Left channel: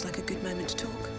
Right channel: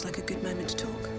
seems like a good moment to talk.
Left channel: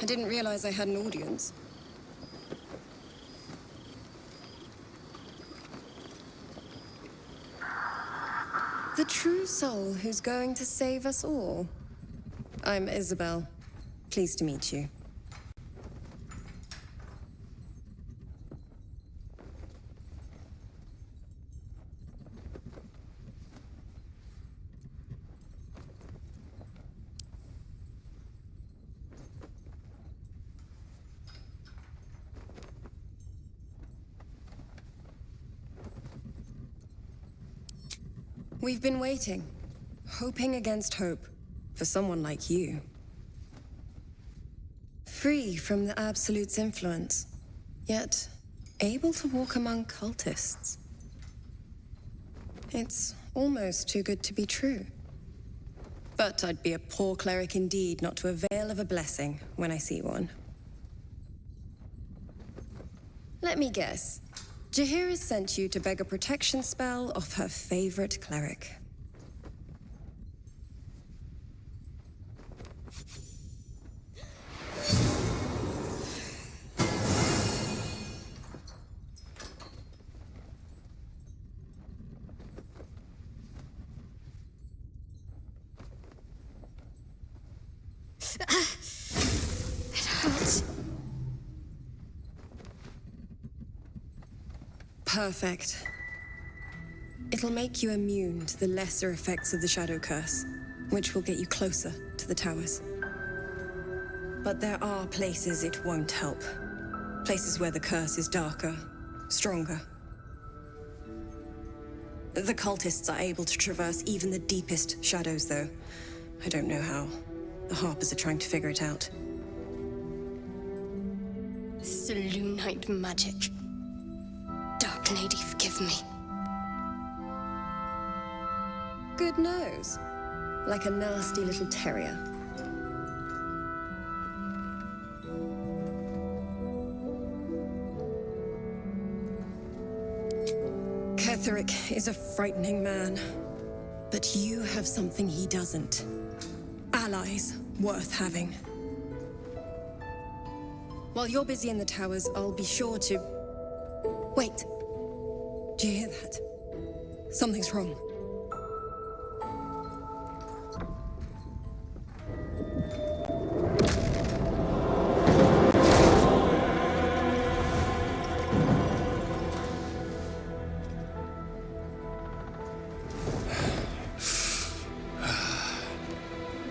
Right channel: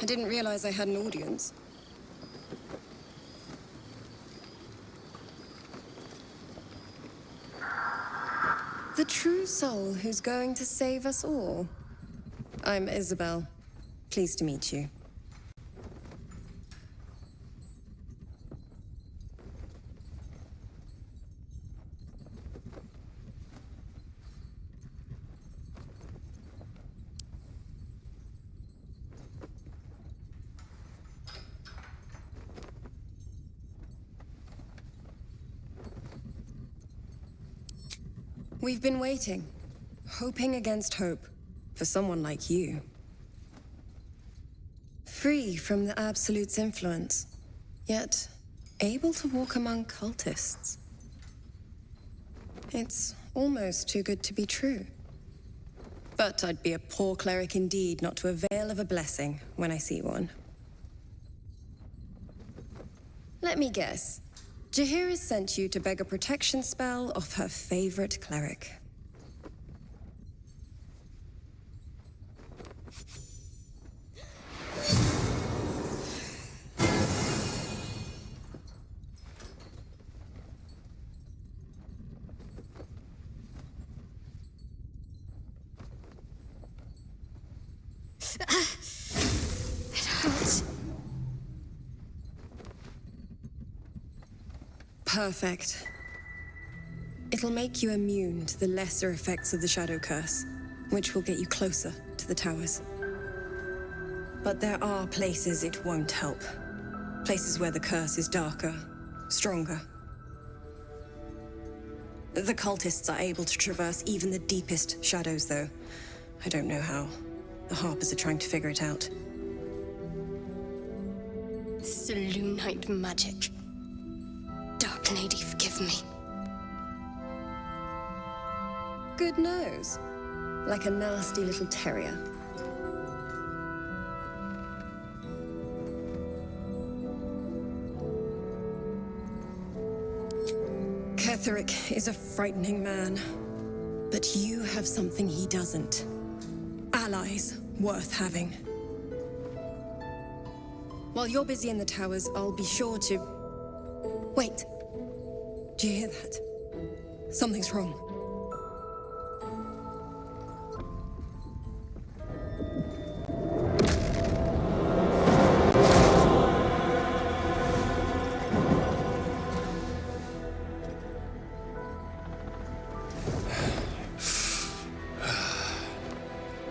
I didn't realize I had an audience. The true soul who's going to save us all. I'm Isabel. Pleased to meet you. We've been waiting, hoping against hope, for someone like you. Free from the Absolute's influence, yet able to walk among cultists. It's almost too good to be true. But I'd be a poor cleric indeed not to avail of a blessing when I see one. Let me guess. Jaheira sent you to beg a protection spell off her favorite cleric. It hurts. Perfect. It'll make you immune to the lesser effects of the Shadow Curse, which will get you closer to the towers. But there are places it won't help. Places where the curse is darker, stronger. The cultists are able to traverse even the deepest shadows, though. I don't know how. The Harpers are trying to figure it out. Selûnite magic. Dark Lady, forgive me. Good nose. Like a nasty little terrier. Ketheric is a frightening man. But you have something he doesn't. Allies worth having. While you're busy in the towers, I'll be sure to... Wait. Do you hear that? Something's wrong.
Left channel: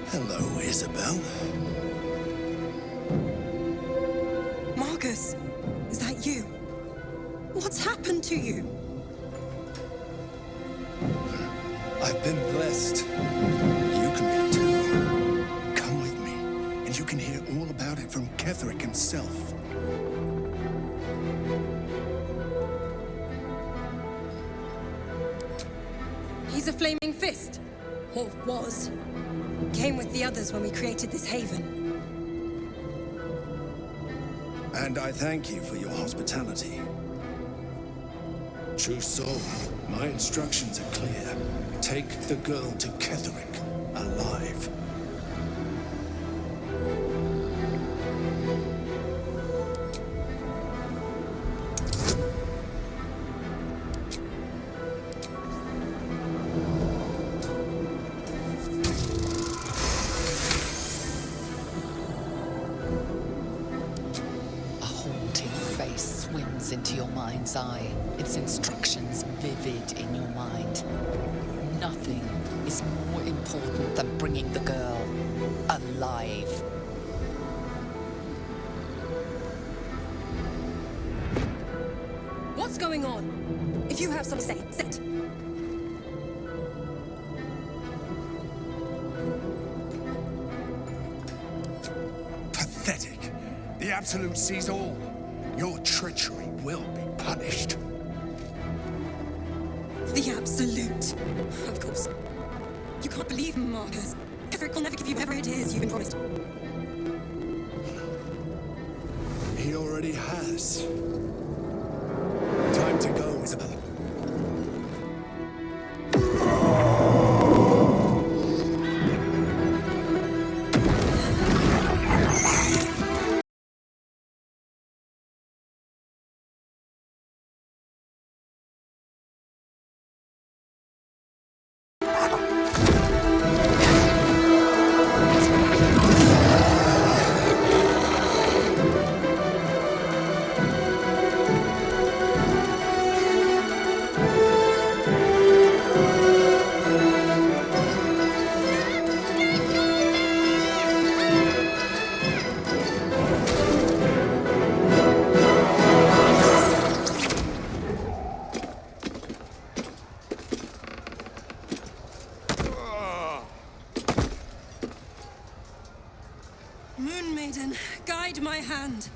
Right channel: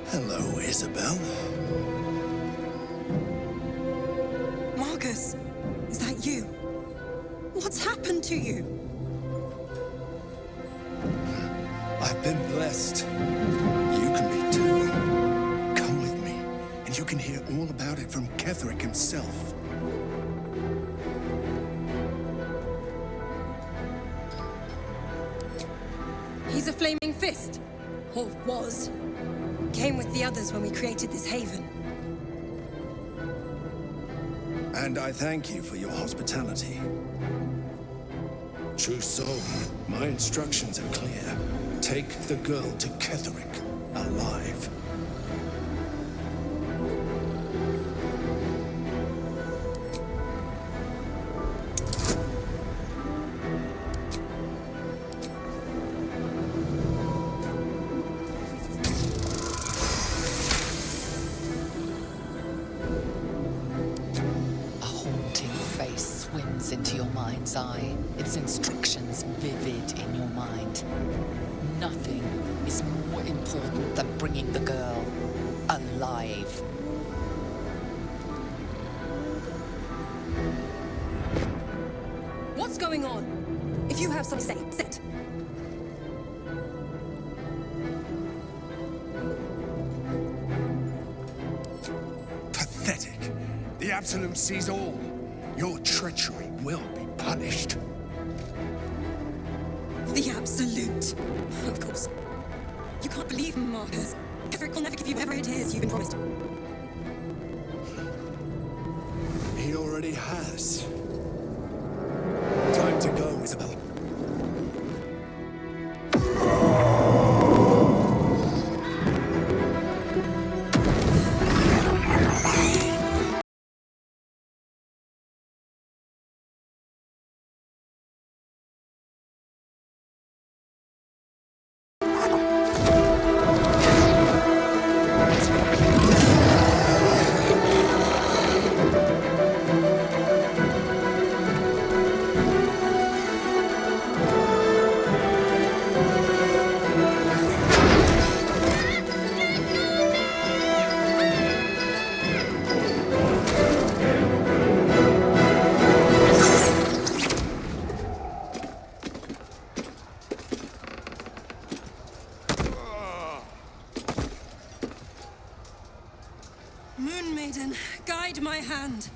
Hello, Isabel. Marcus, is that you? What's happened to you? I've been blessed. You can be too. Come with me, and you can hear all about it from Ketheric himself. He's a flaming fist. Or was. Came with the others when we created this haven. And I thank you for your hospitality. True soul, my instructions are clear. Take the girl to Ketheric, alive. face swims into your mind's eye, its instructions vivid in your mind. Nothing is more important than bringing the girl alive. What's going on? If you have something to say, say it. Pathetic. The Absolute sees all. Your treachery will be punished. The Absolute. Of course. You can't believe Marcus. Ketherick will never give you whatever it is you've been promised. He already has. Time to go, Isabel. Moon Maiden, guide my hand.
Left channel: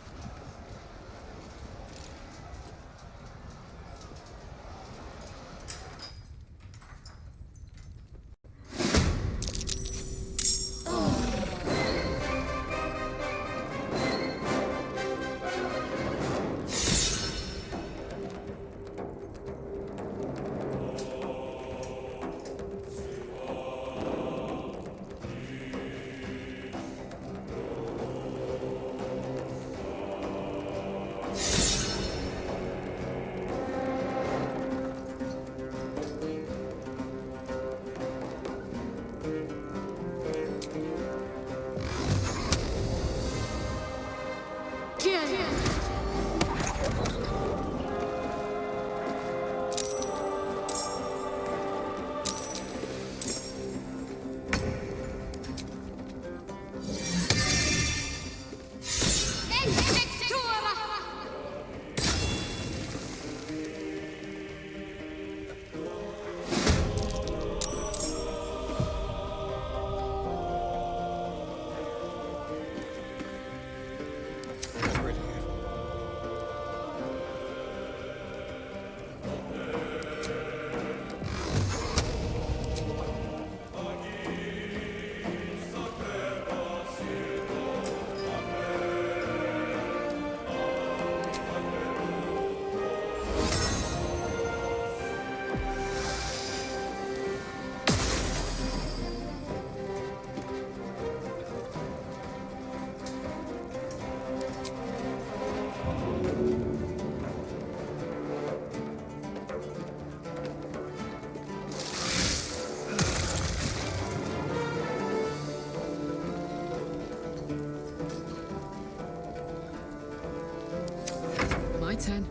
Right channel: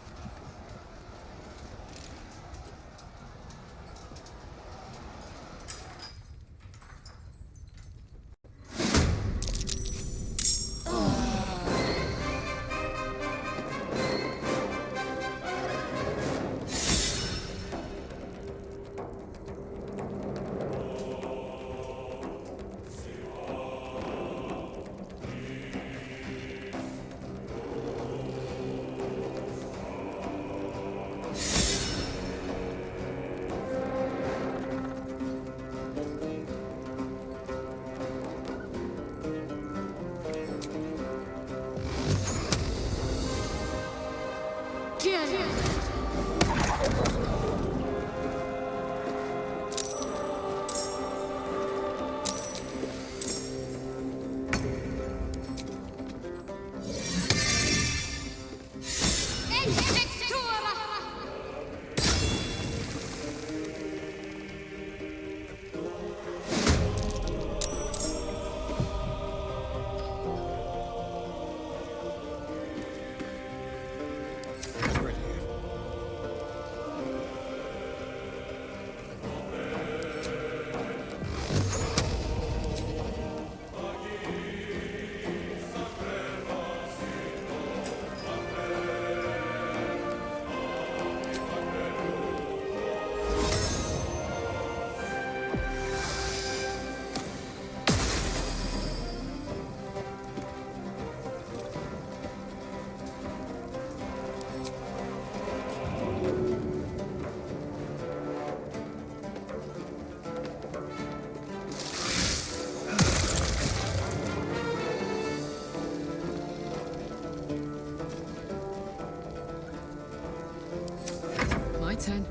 My turn.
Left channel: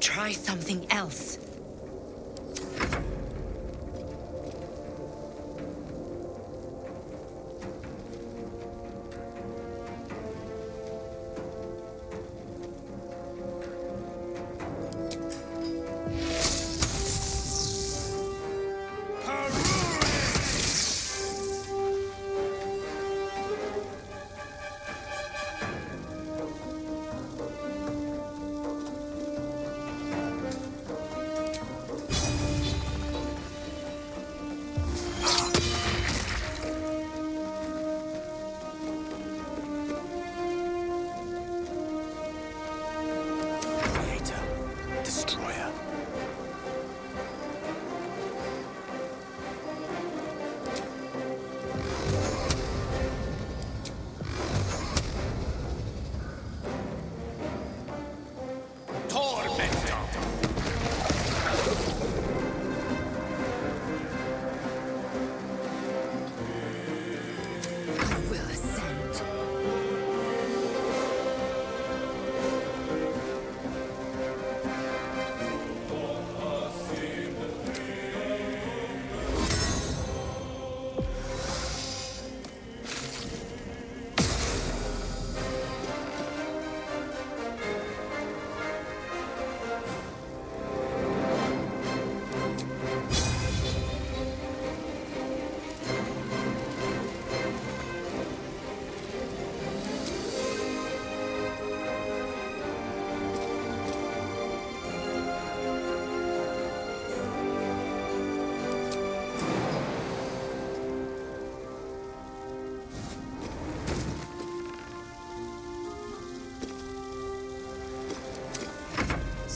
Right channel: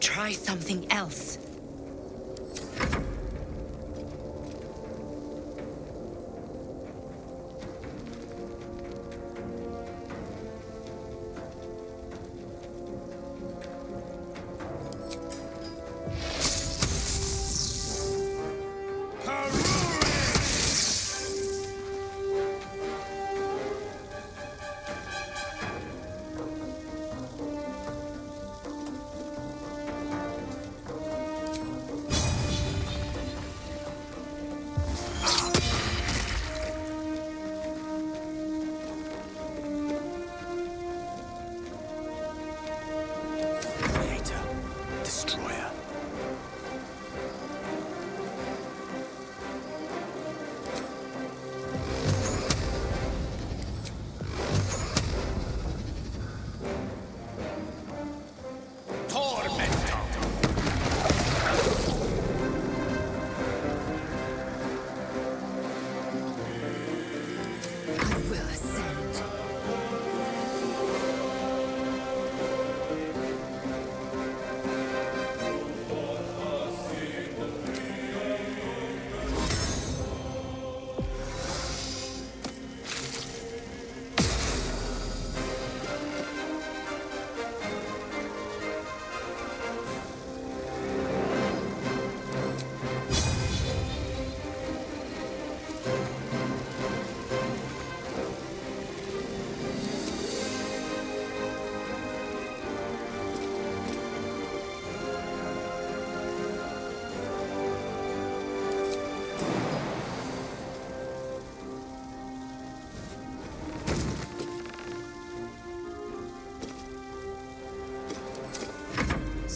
Try something else.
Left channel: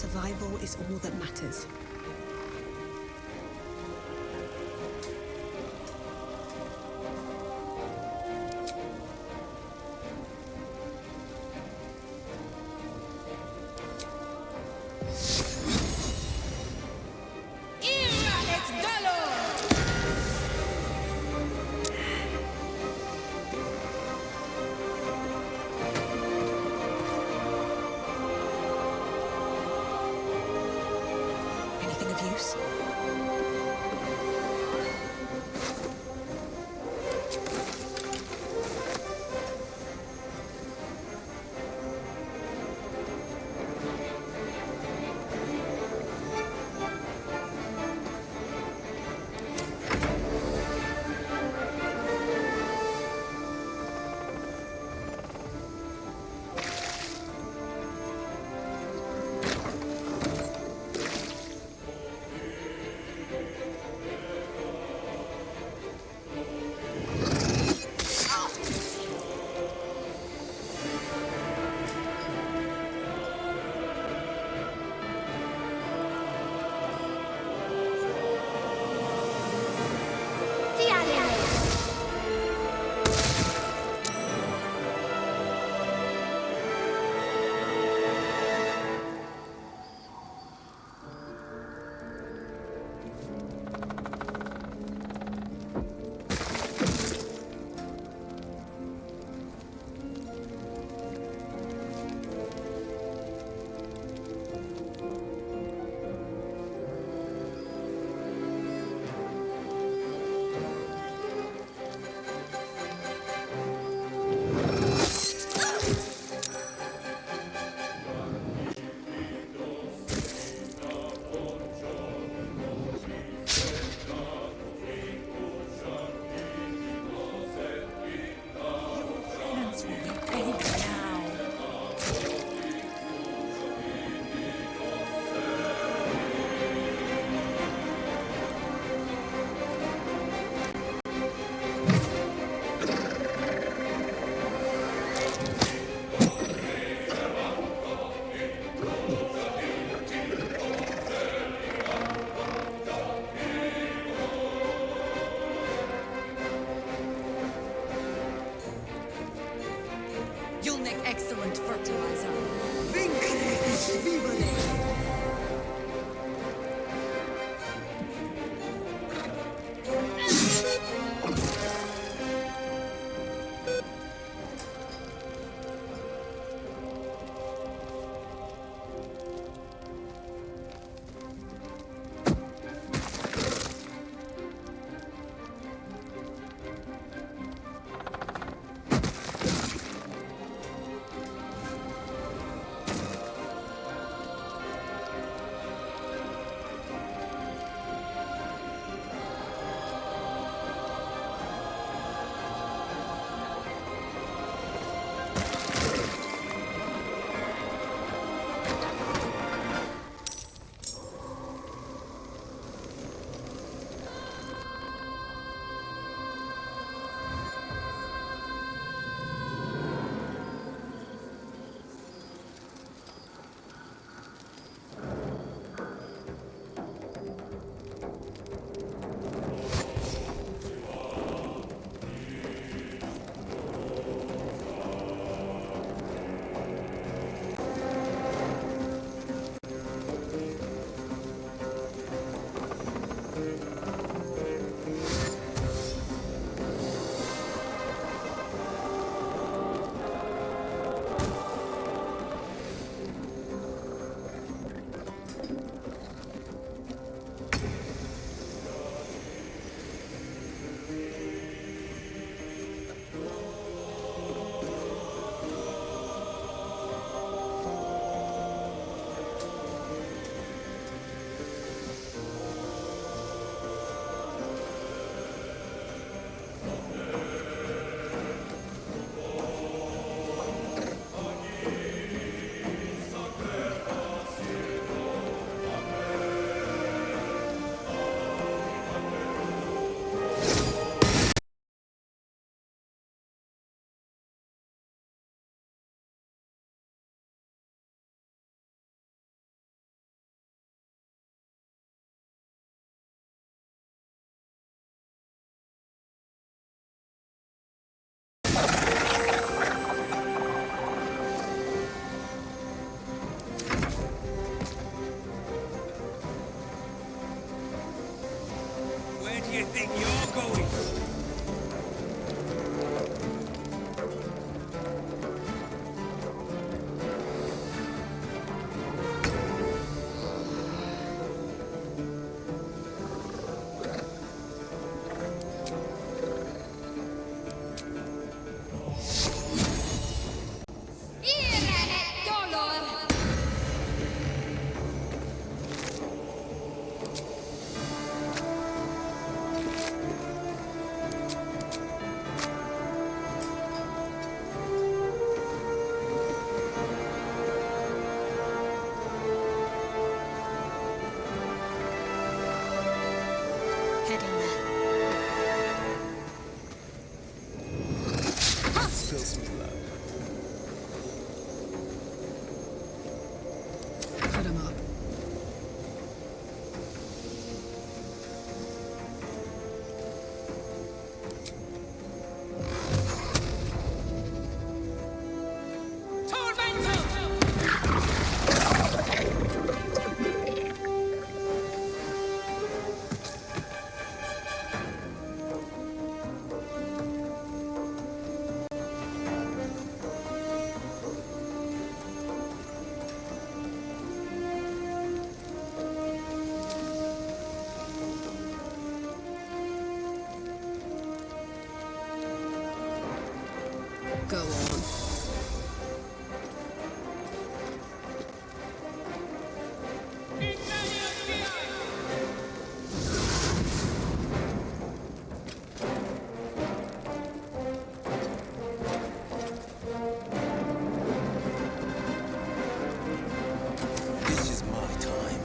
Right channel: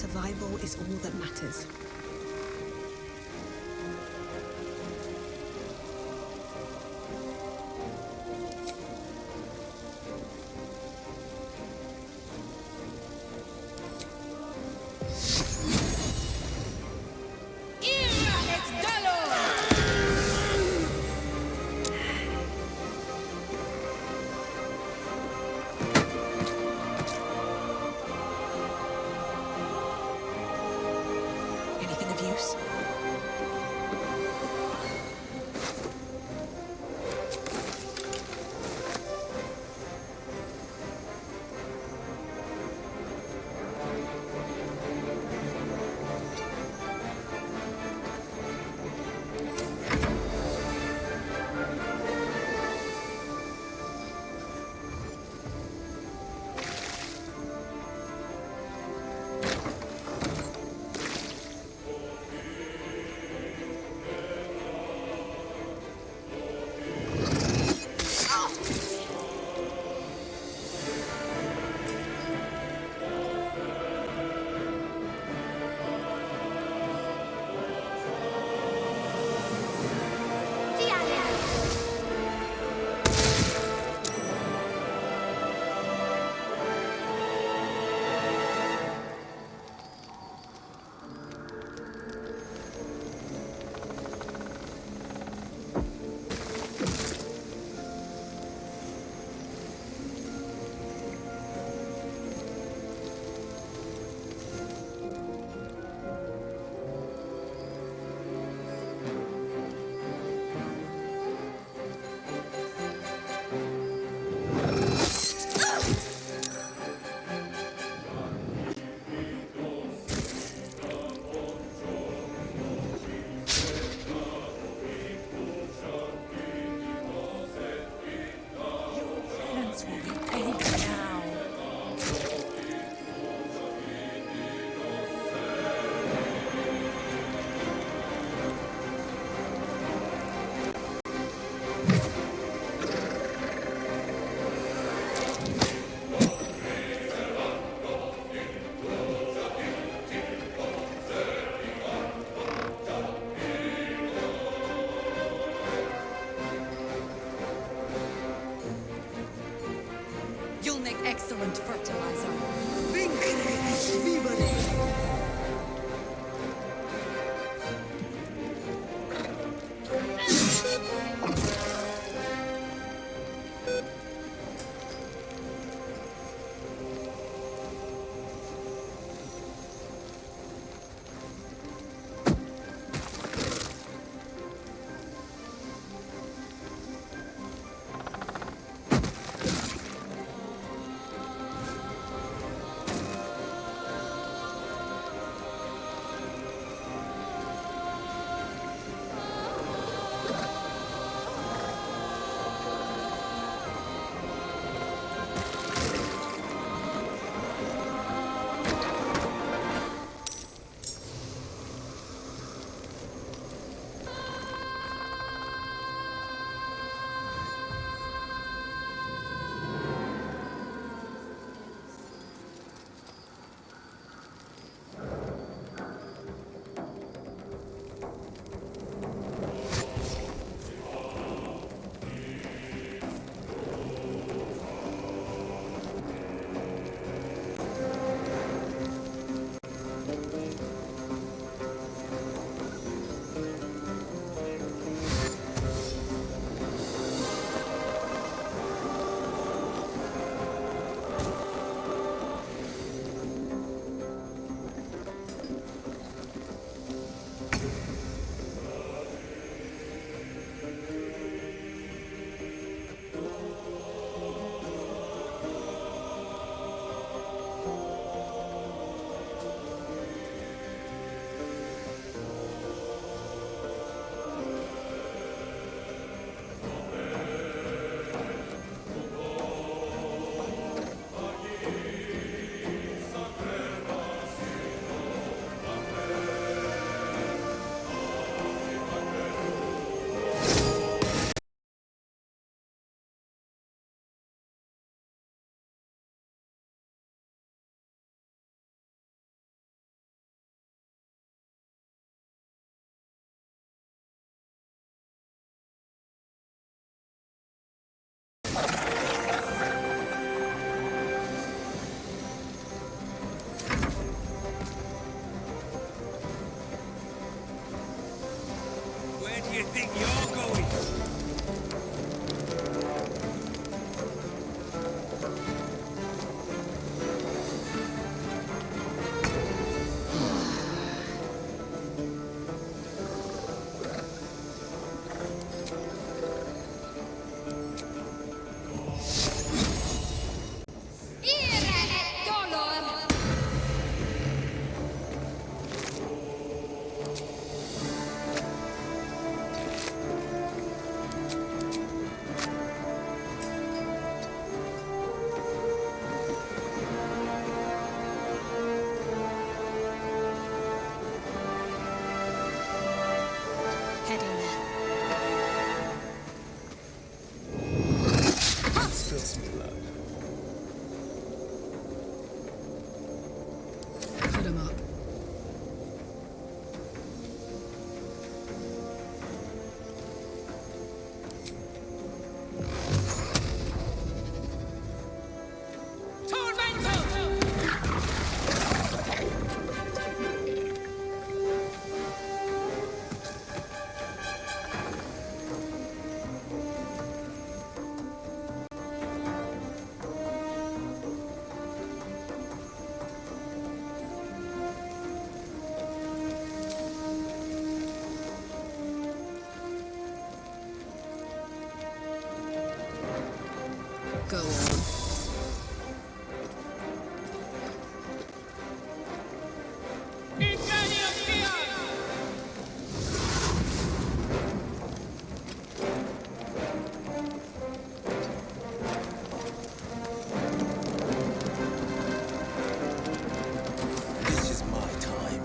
survival is all that matters. Anything of use? you think you're going? Heading there. Spill some blood. Put him up. Go on. This is my time.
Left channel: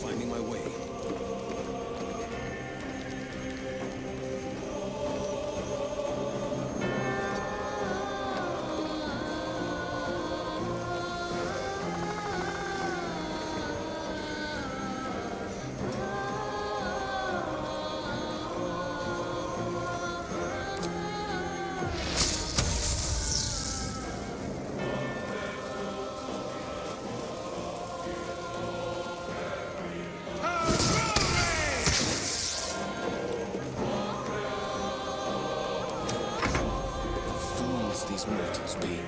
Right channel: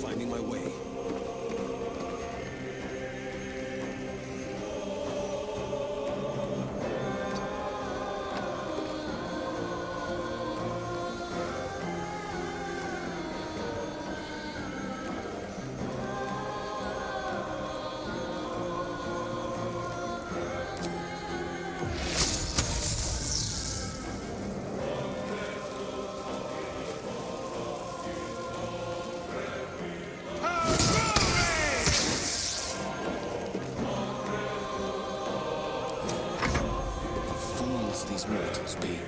Finding my way. Fools these mortals be.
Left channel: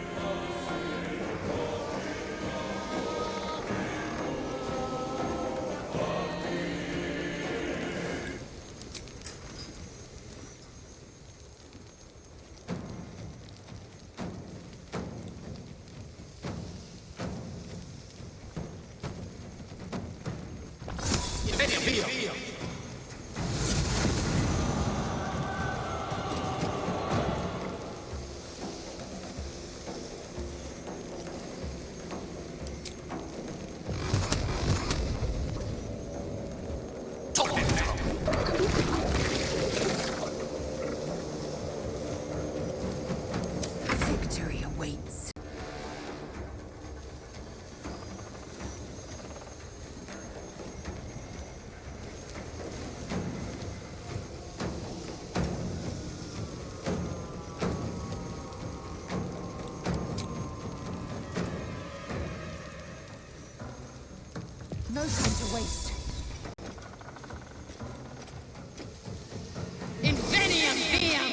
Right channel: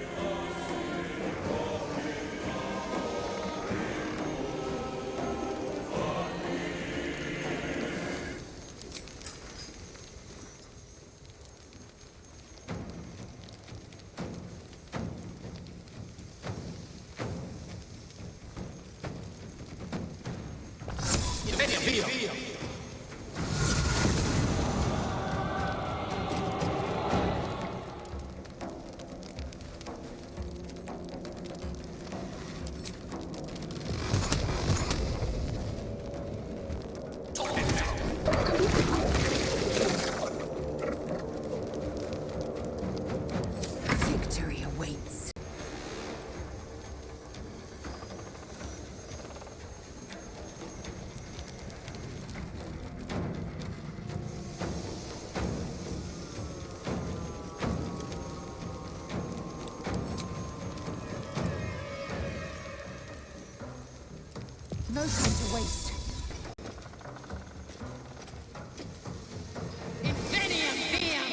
Victory awaits. No time to waste. Inveniam viam!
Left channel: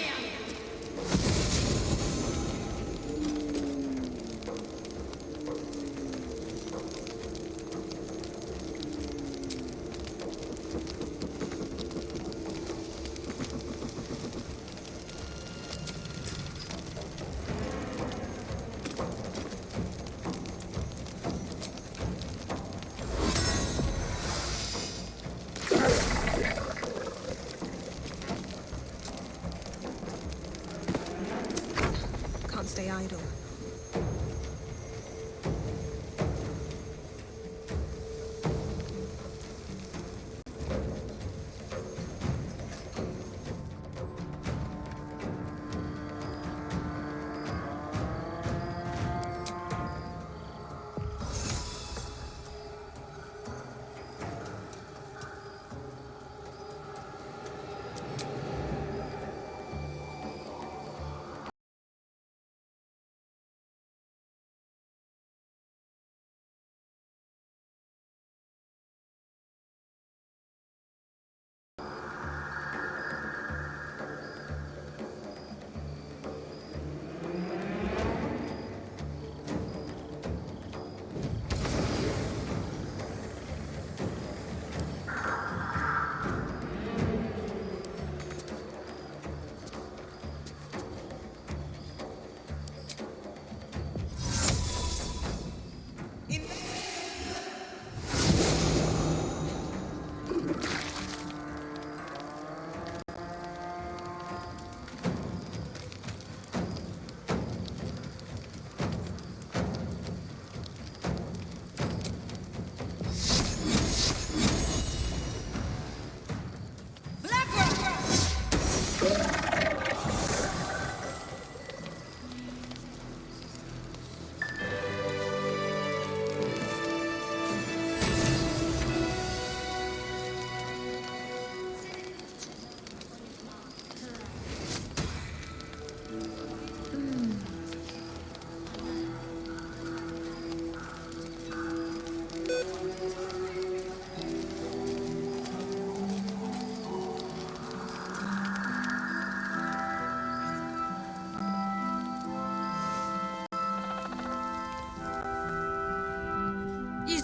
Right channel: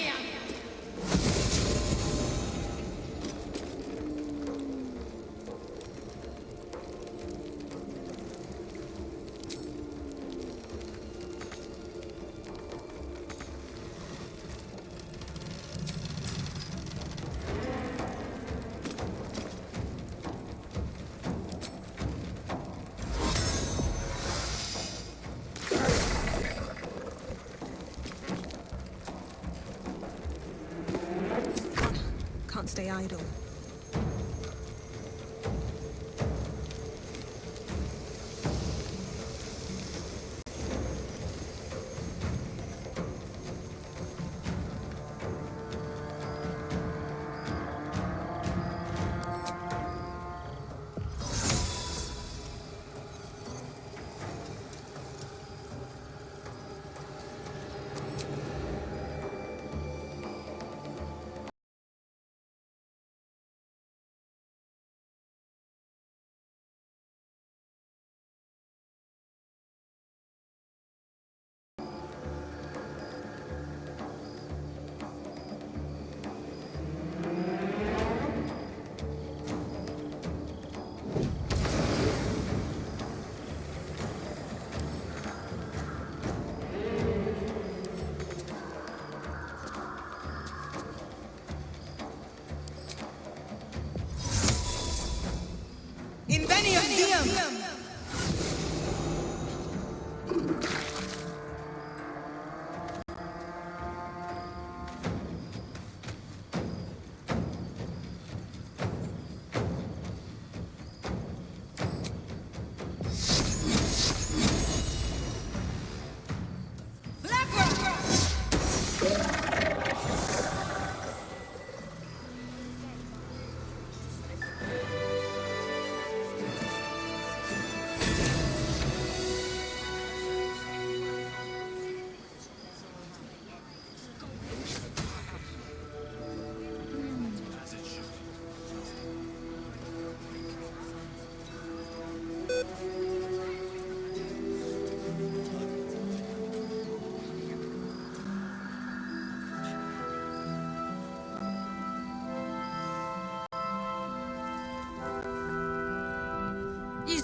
Can't stay idle.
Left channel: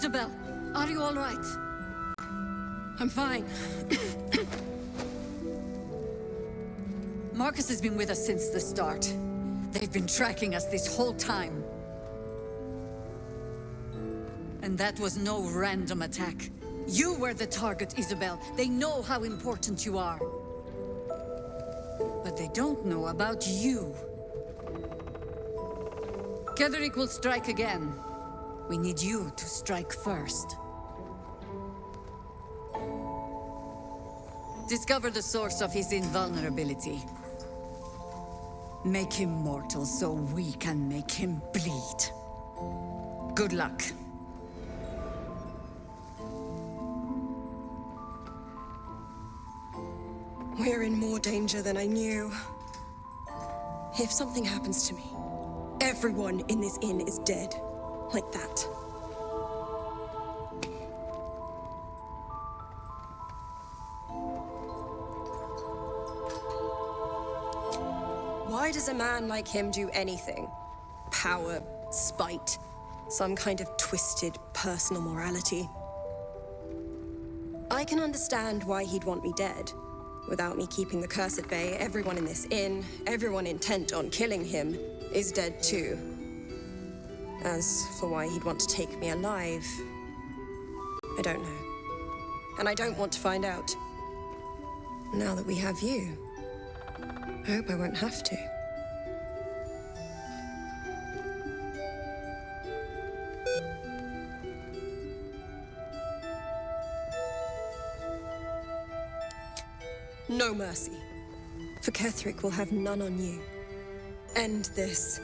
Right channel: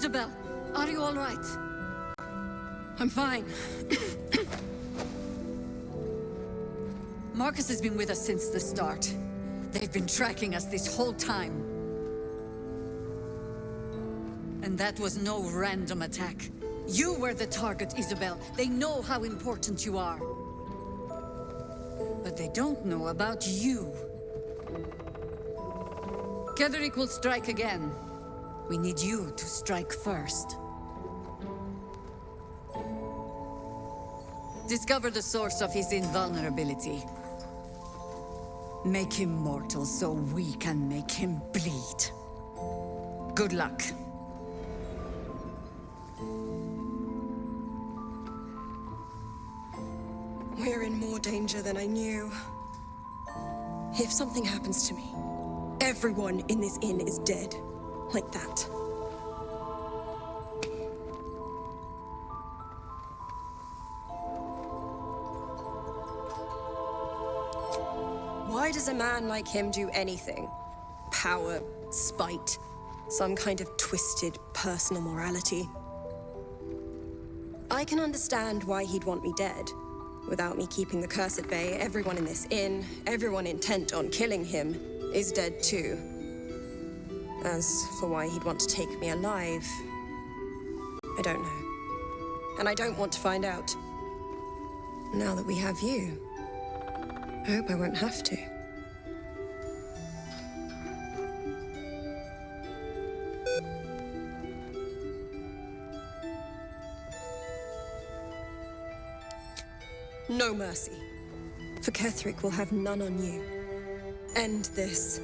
Isabel, are you all right? I'm fine. Marcus has been with us since the start. They've been tracking us this whole time. And that was no random attack. You were the target, Isabel. They know how important you are. But they don't know about you. Ketheric will strike again. We need you to strike first. Discover the source of his invulnerability. Make him mortal so we can make him bleed. Good luck. We're in more danger than I knew. If something happens to me, everyone in this inn is dead. Like that. Why does a man like him do anything? Power, spite, some kind of twisted personal morality. I can understand why he'd want me dead. Without me keeping the curse at bay, everyone in this inn, everyone intent on killing him, is dead too. As for why he'd want to take me alive, I don't know. And I don't want to find out. Now that we have you, I hope I won't have to. No mercy. For Ketheric will have none on you. End this.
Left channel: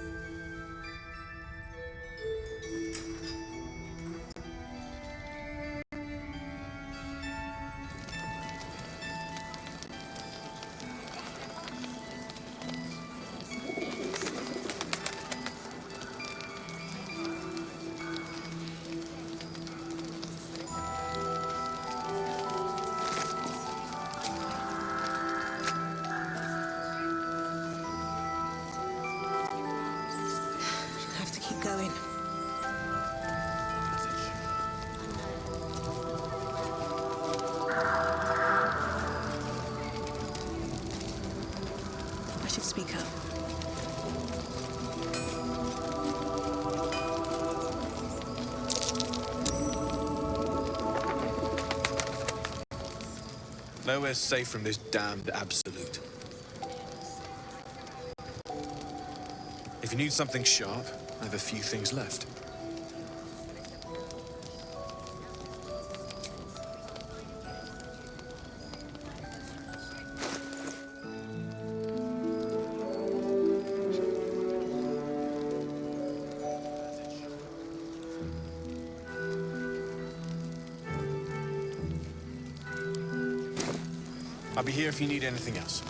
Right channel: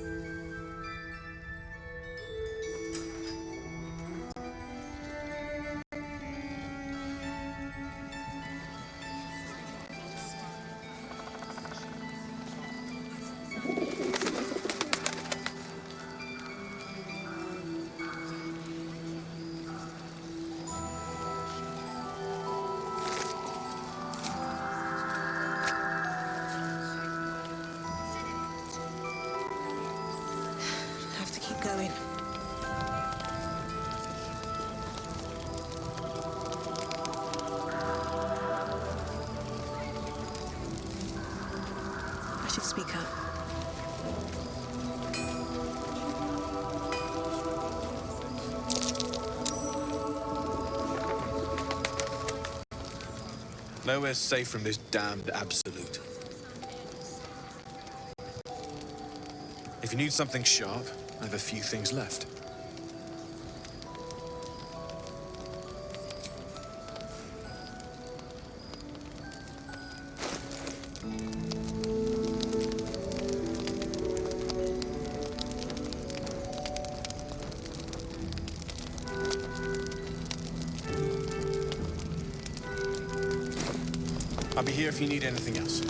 Have to keep going. I should speak up. Nowhere's safe from this damned absolute. If you need something sharp, I have a few things left. I'll be here if you need anything else.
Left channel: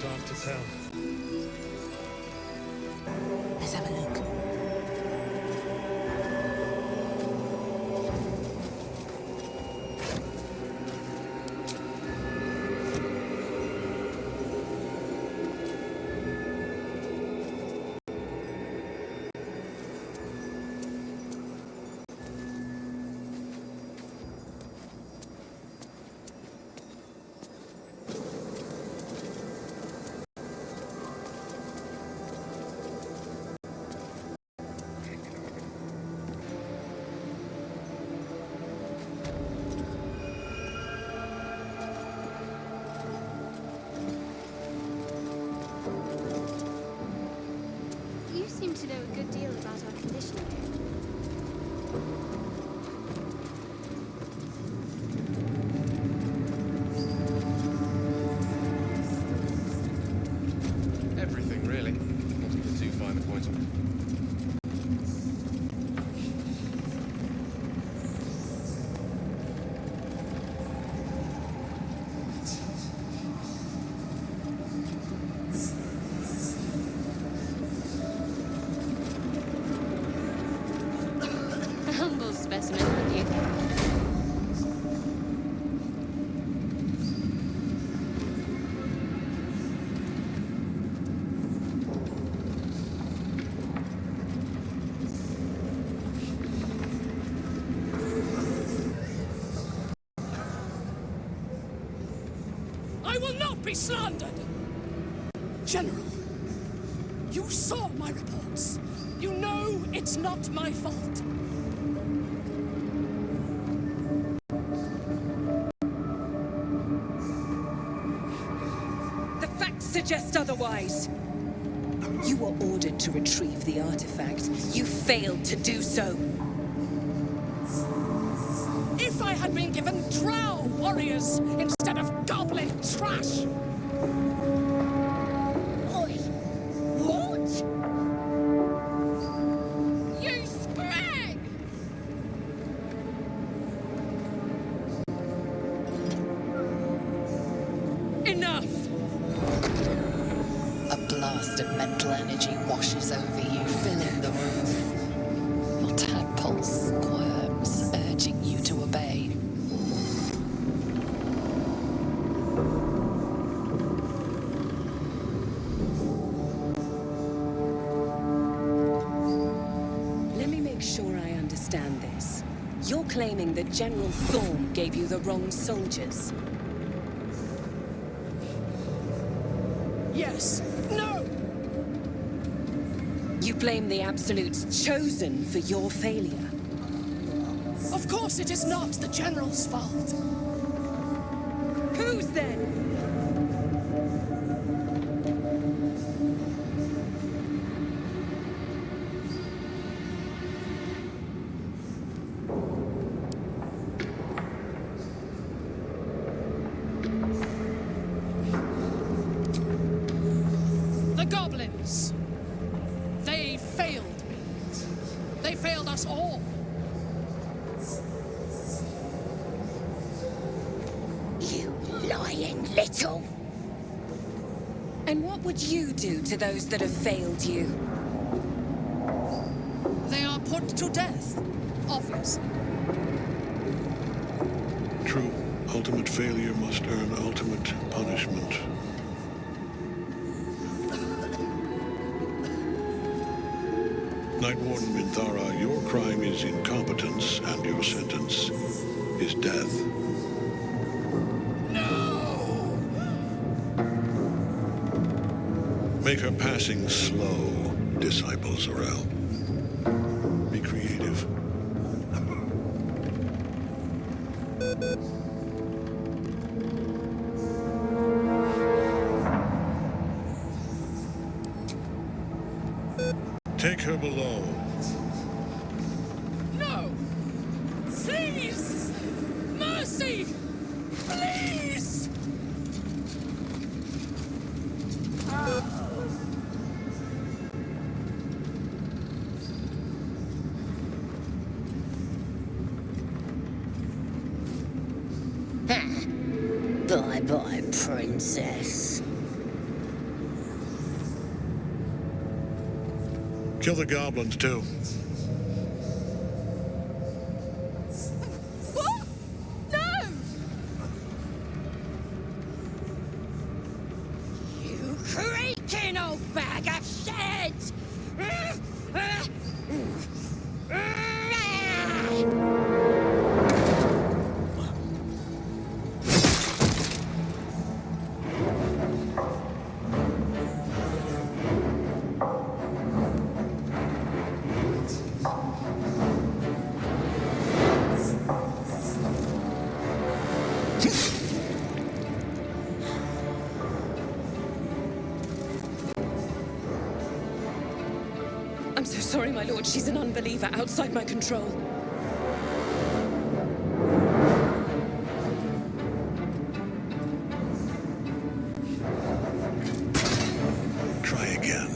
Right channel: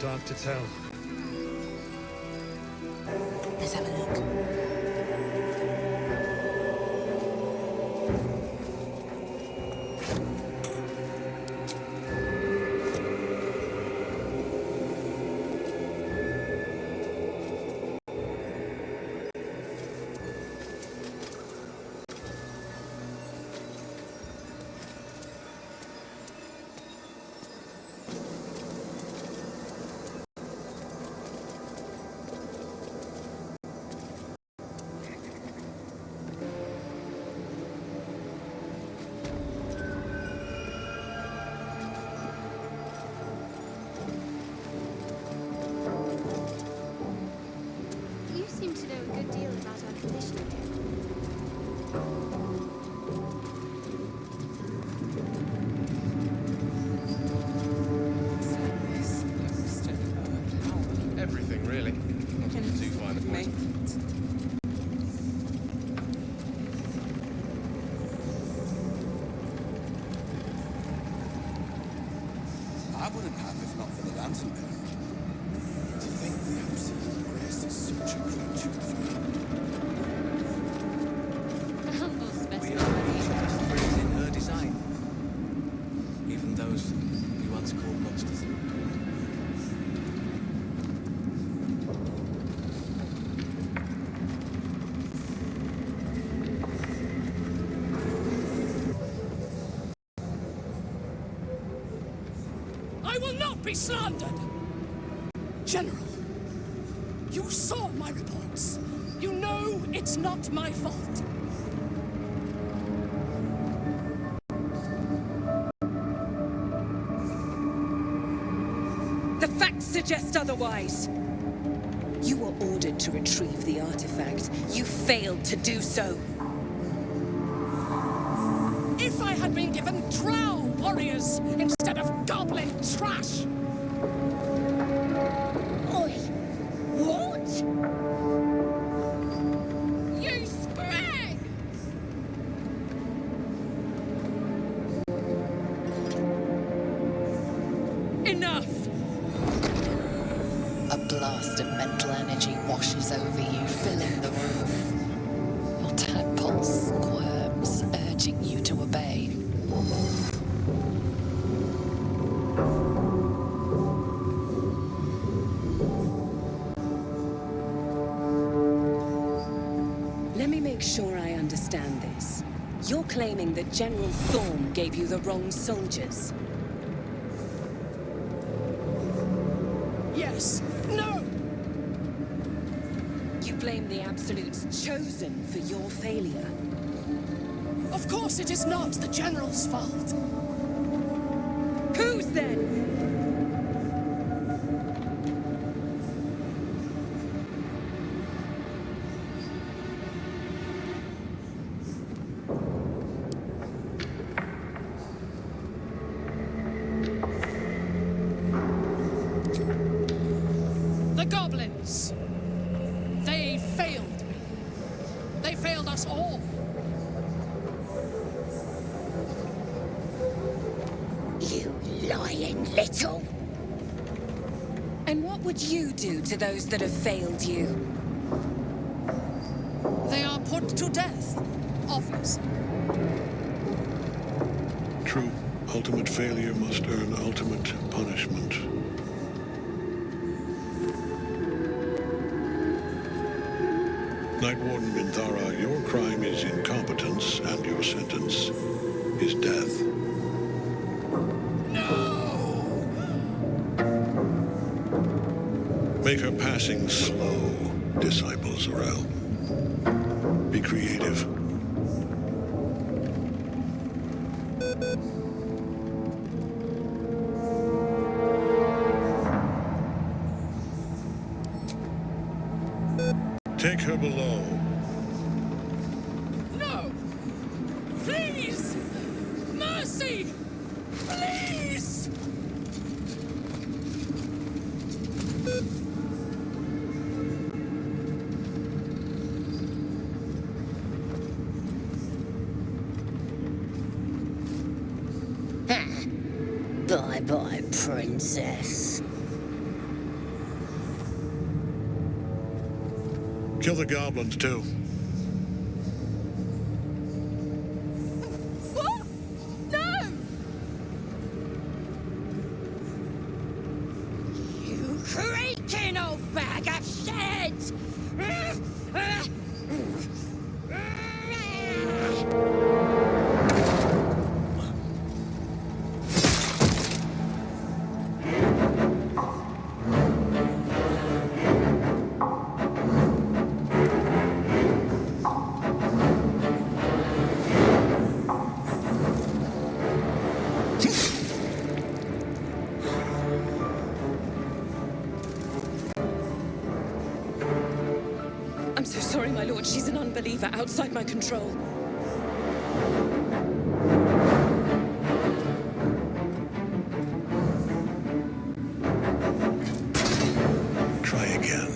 Dark to tell. Let's have a look. I will not be slandered! General, you saw my reports. You know it's not my fault. The facts suggest otherwise. You were ordered to retrieve the artifact. You failed to do so. If I had been given drow warriors instead of goblin trash! Oi! What? You sprang! Enough! A blast of mental energy washes over you, filling the room. Your tadpole squirms, urging you to obey. Let me make sure I understand this. You're claiming that General Thorm gave you the wrong soldiers. Yes. No! You blame the Absolute's Chosen for your failure. Of course it is not the General's fault. Whose then? The goblins. They failed me. They failed us all. You lying little. And what would you do to those that have failed you? They are put to death, obviously. True. Ultimate failure must earn ultimate punishment. Night Warden Minthara, your crime is incompetence, and your sentence is death. No! Make her passing slow, Disciple Zorel. Be creative. Take her below. No! Please! Mercy! Please! Bye-bye, princess. Kill the goblins, too. What? No! You creaking old bag of shit! I'm so sorry, my lord. She's an unbeliever outside my control. Try again.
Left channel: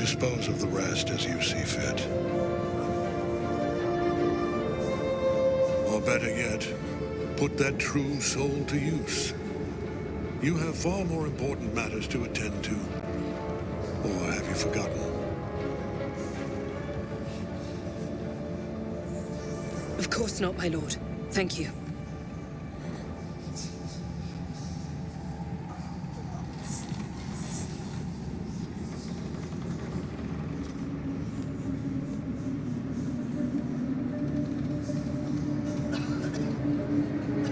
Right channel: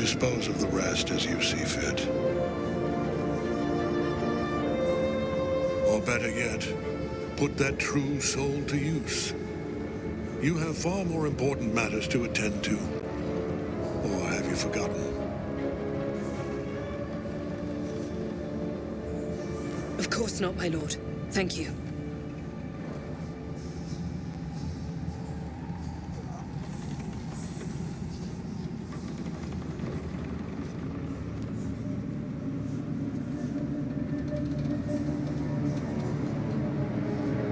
Dispose of the rest as you see fit. Or better yet, put that true soul to use. You have far more important matters to attend to. Or have you forgotten? Of course not, my lord. Thank you.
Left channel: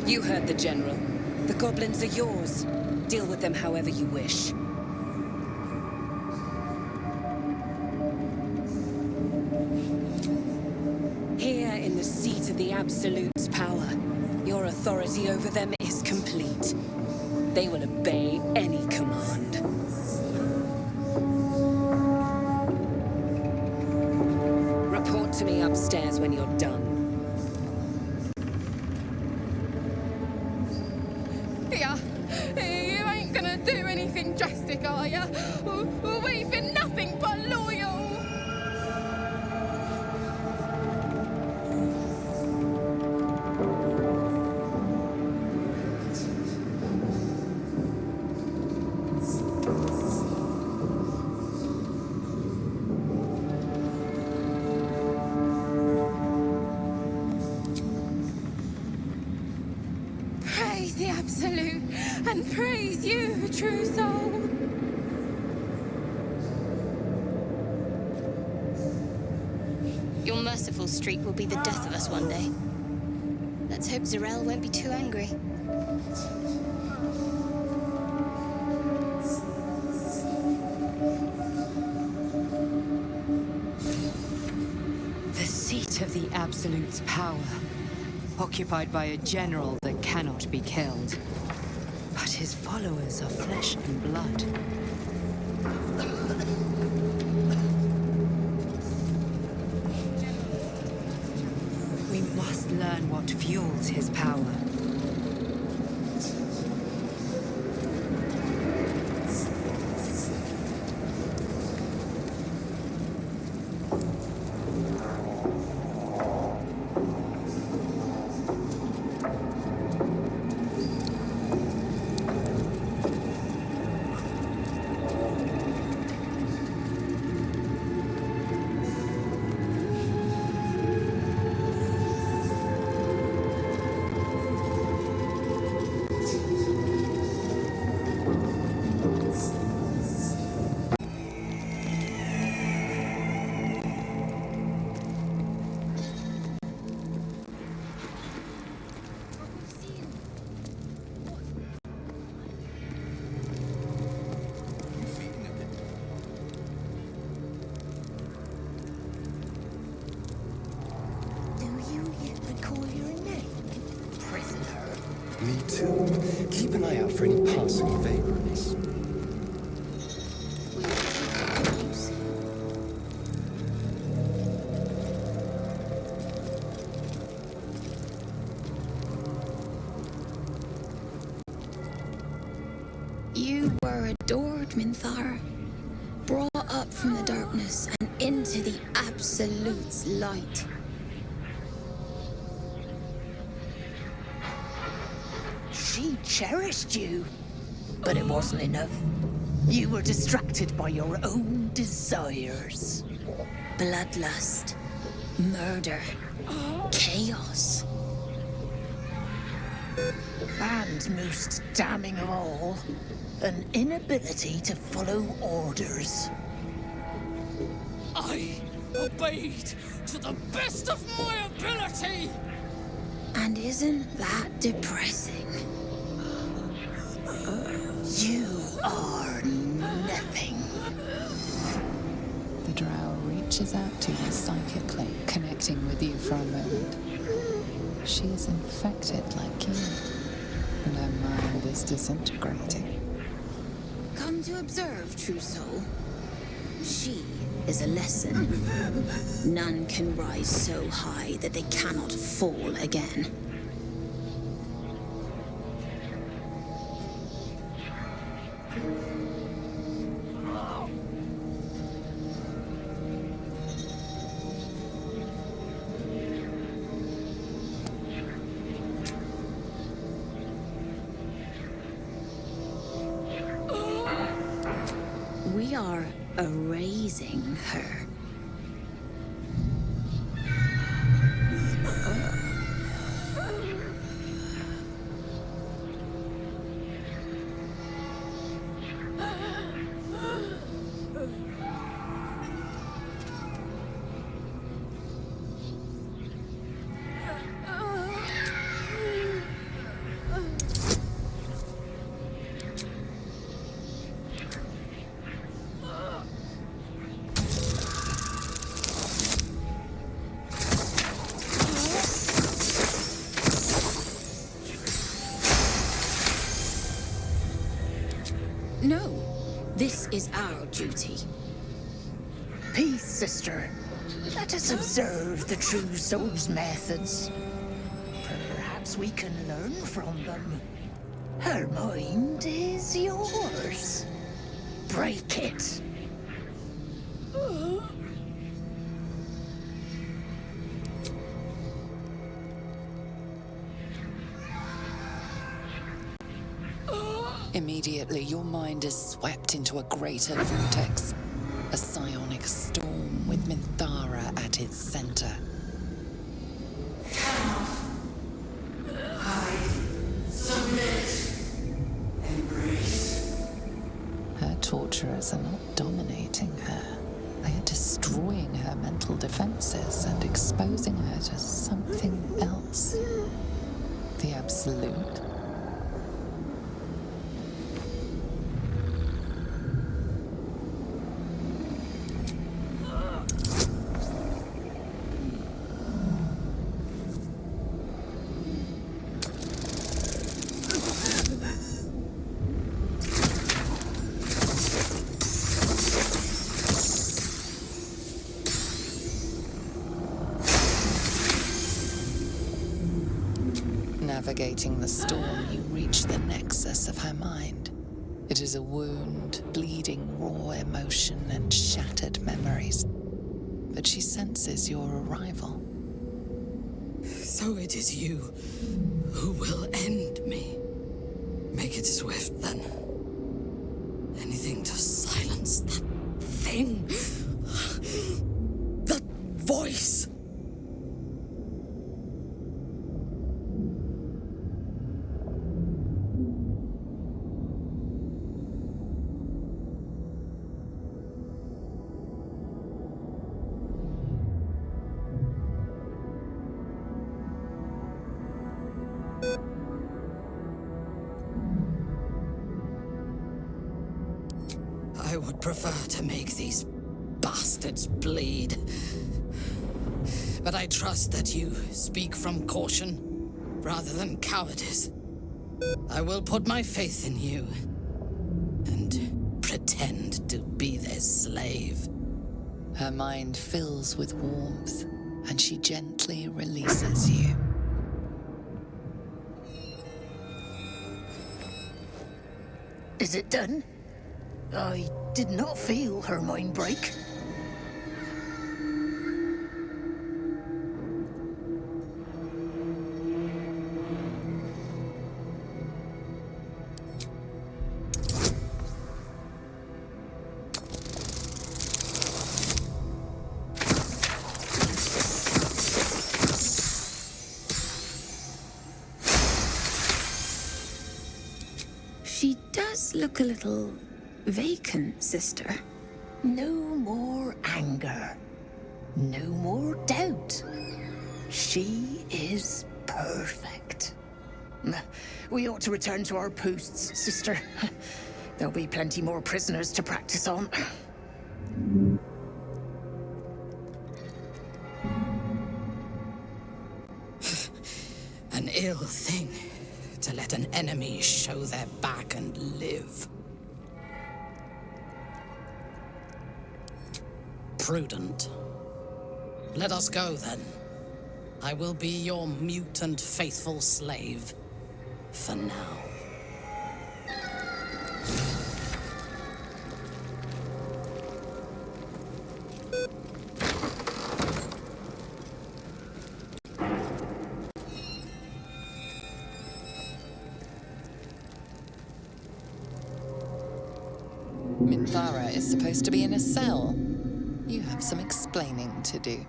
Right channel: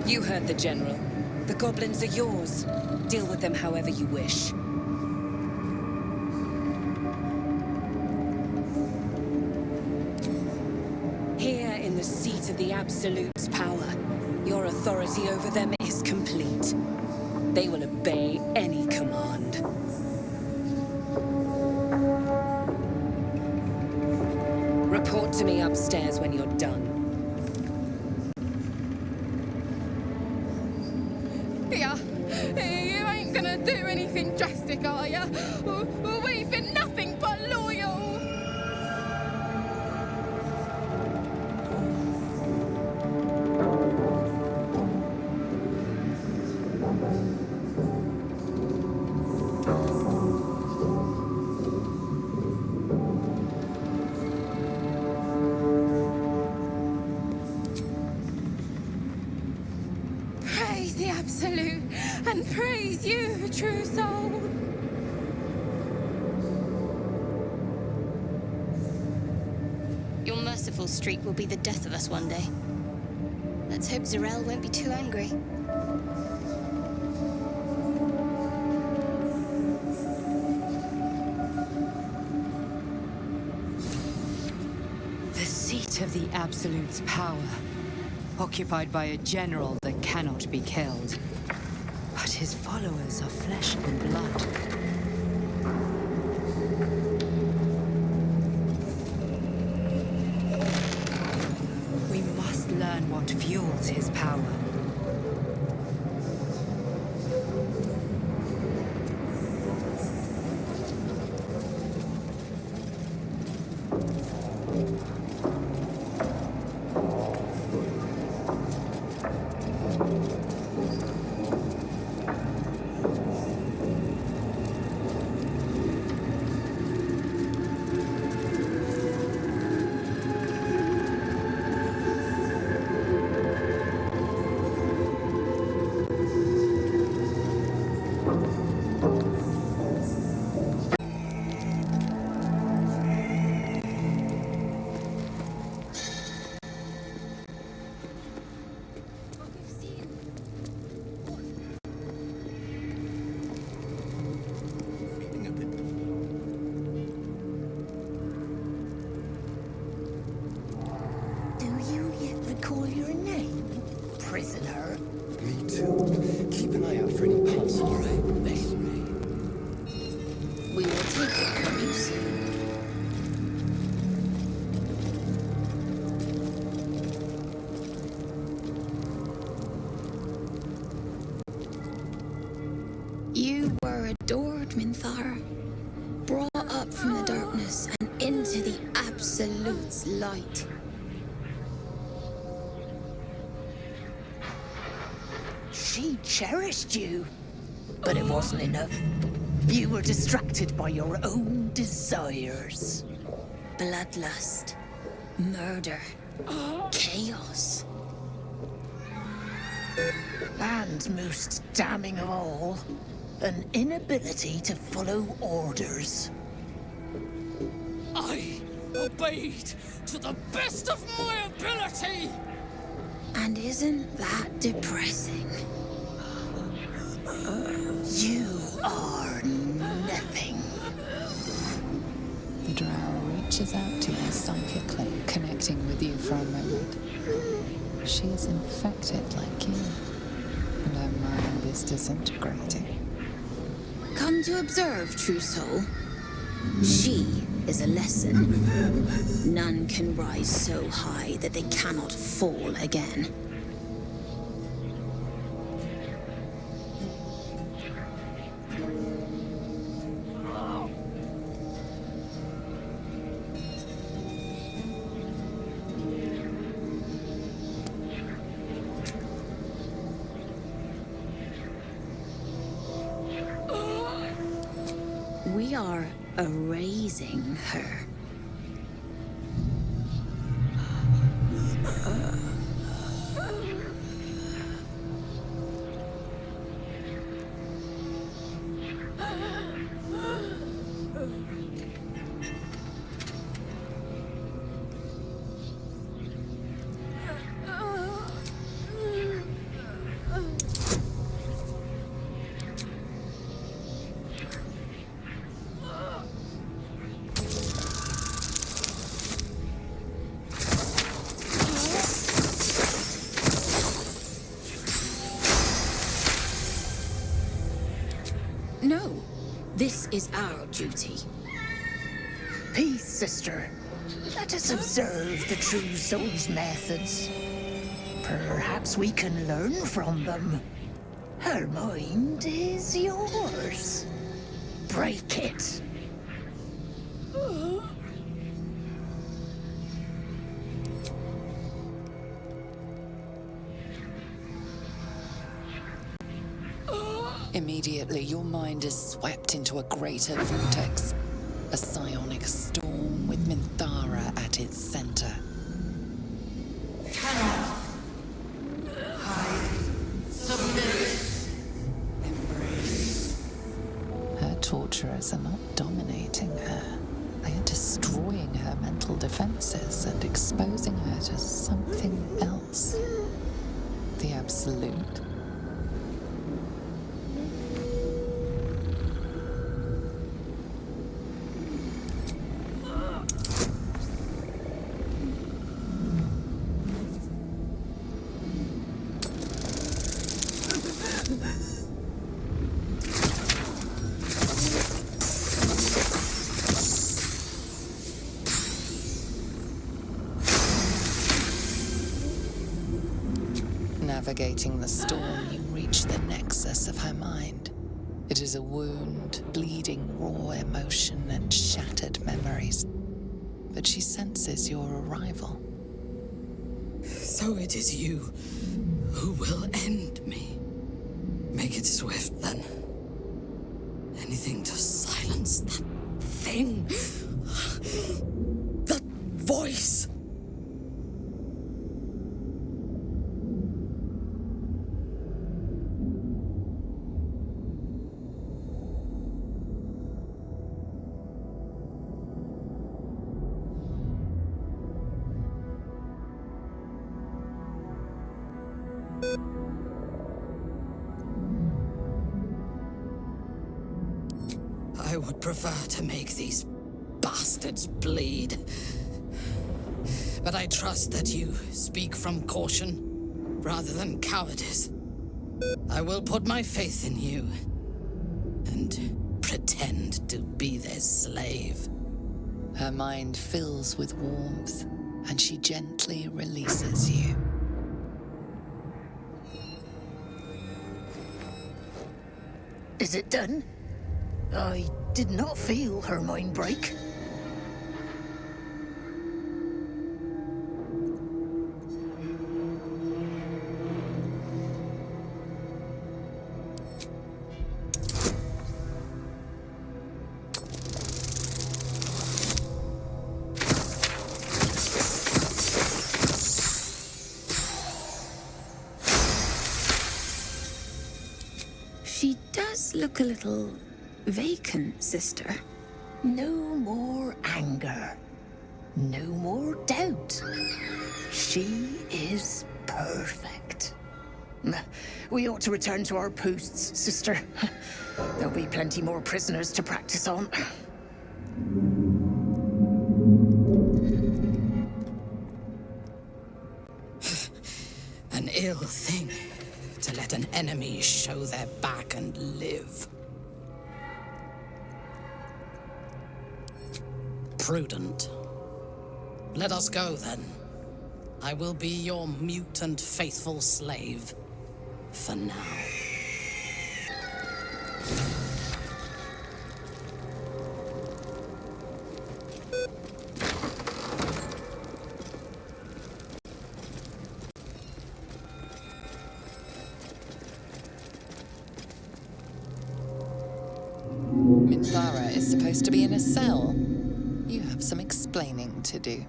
You heard the General. The goblins are yours. Deal with them however you wish. Here in the seat of the Absolute's power, your authority over them is complete. They will obey any command. Report to me upstairs when you're done. Yeah, you ain't gonna do anything drastic, are ya? We've been nothing but loyal. Praise the Absolute, and praise you, true soul. Your merciful streak will be the death of us one day. Let's hope Zarel won't be too angry. The seat of the Absolute's power, occupied by a general that cannot be killed. But his followers are flesh and blood. We must learn what fuels his power. Me too. Keep an eye out for any passing favorites. We will take it from you soon. You were adored, Minthara. Brought up from the darkness and into the Absolute's light. She cherished you, but it wasn't enough. You were distracted by your own desires. Bloodlust, murder, chaos. And most damning of all, an inability to follow orders. I obeyed to the best of my ability! And isn't that depressing? You are nothing. The drow reaches out to you psychically, connecting with you for a moment. She is infected like you, and her mind is disintegrating. Come to observe, true soul. She is a lesson. None can rise so high that they cannot fall again. are erasing her. No, this is our duty. Peace, sister. Let us observe the true soul's methods. Perhaps we can learn from them. Her mind is yours. Break it. Immediately, your mind is swept into a greater vortex. A psionic storm with Minthara at its center. Cannot hide, submit, embrace. Her torturers are not dominating her. They are destroying her mental defenses and exposing her to something else. The Absolute. Navigating the storm, you reach the nexus of her mind. It is a wound, bleeding raw emotion and shattered memories. But she senses your arrival. So it is you who will end me. Make it swift, then. Anything to silence that thing. That voice. I would prefer to make these bastards bleed. But I trust that you speak from caution rather than cowardice. I will put my faith in you and pretend to be their slave. Her mind fills with warmth, and she gently releases you. Is it done? I did not feel her mind break. She does look a little vacant, sister. No more anger. No more doubt. She is perfect. We ought to return to our posts, sister. There'll be plenty more prisoners to practice on. An ill thing to let an enemy show their back and live. Prudent. Let us go, then. I will be your mute and faithful slave. For now. Minthara is supposed to be in a cell. You have some explaining to do.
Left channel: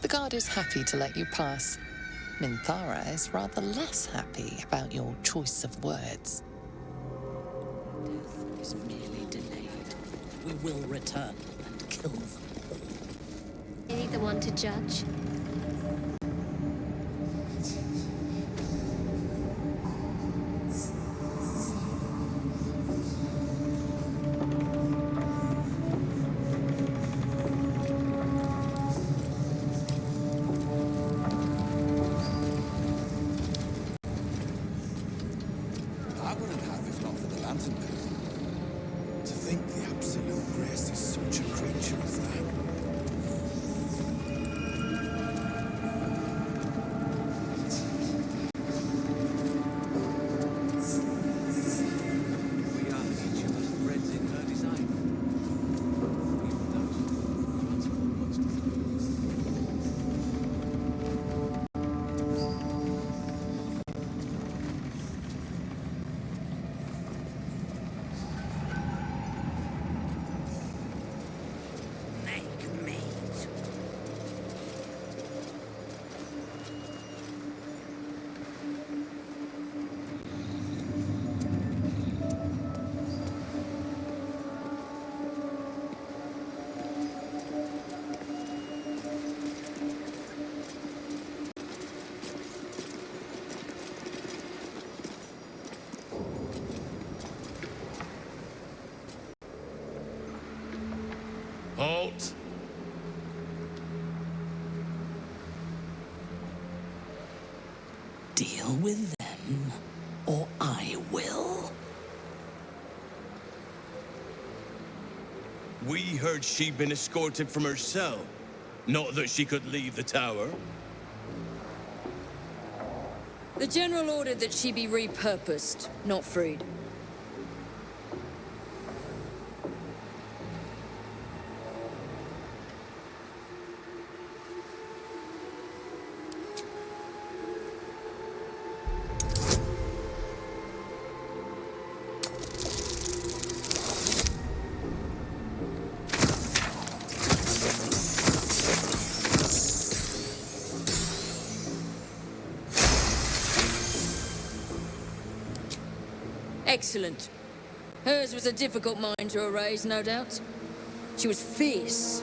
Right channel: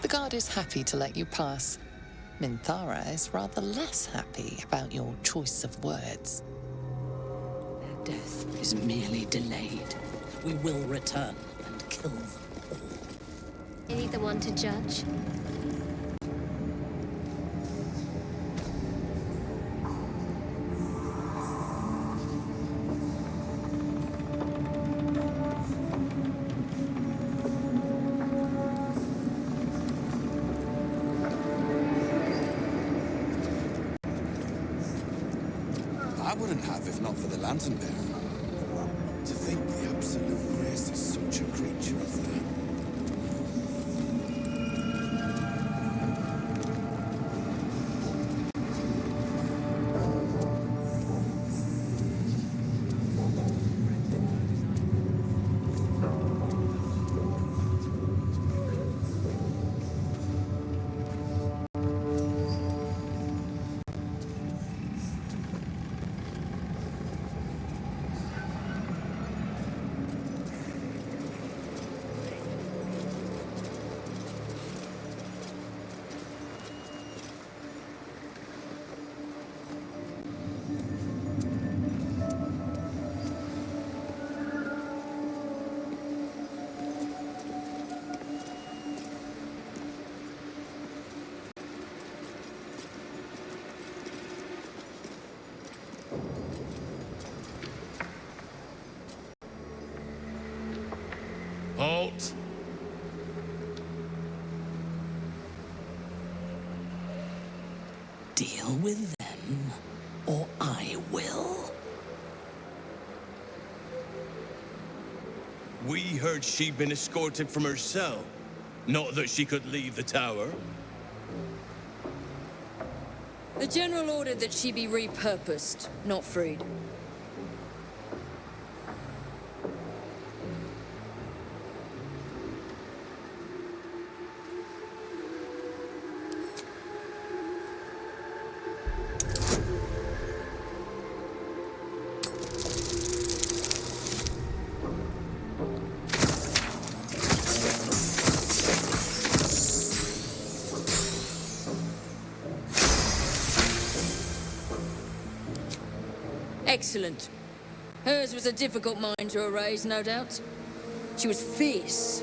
The guard is happy to let you pass. Minthara is rather less happy about your choice of words. Their death is merely delayed. We will return and kill them all. Are you the one to judge? I wouldn't have if not for the lantern bearer. To think the absolute grace is such a creature as that. Halt! Deal with them, or I will. We heard she'd been escorted from her cell. Not that she could leave the tower. The General ordered that she be repurposed, not freed. Excellent. Hers was a difficult mind to erase, no doubt. She was fierce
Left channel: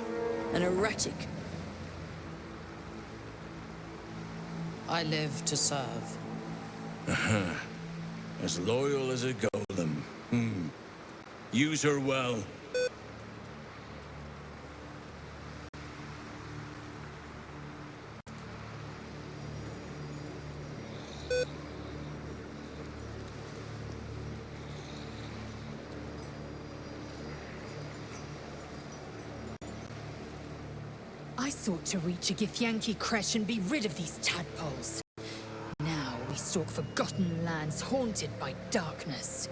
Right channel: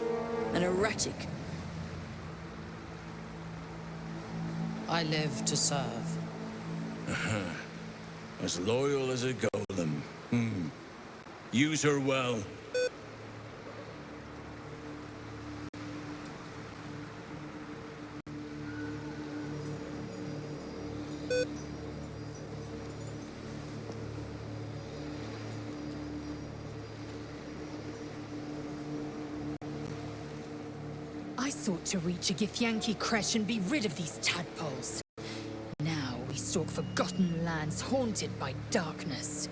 and erratic. I live to serve. As loyal as a golem. Use her well. I sought to reach a Githyanki creche and be rid of these tadpoles. Now we stalk forgotten lands haunted by darkness.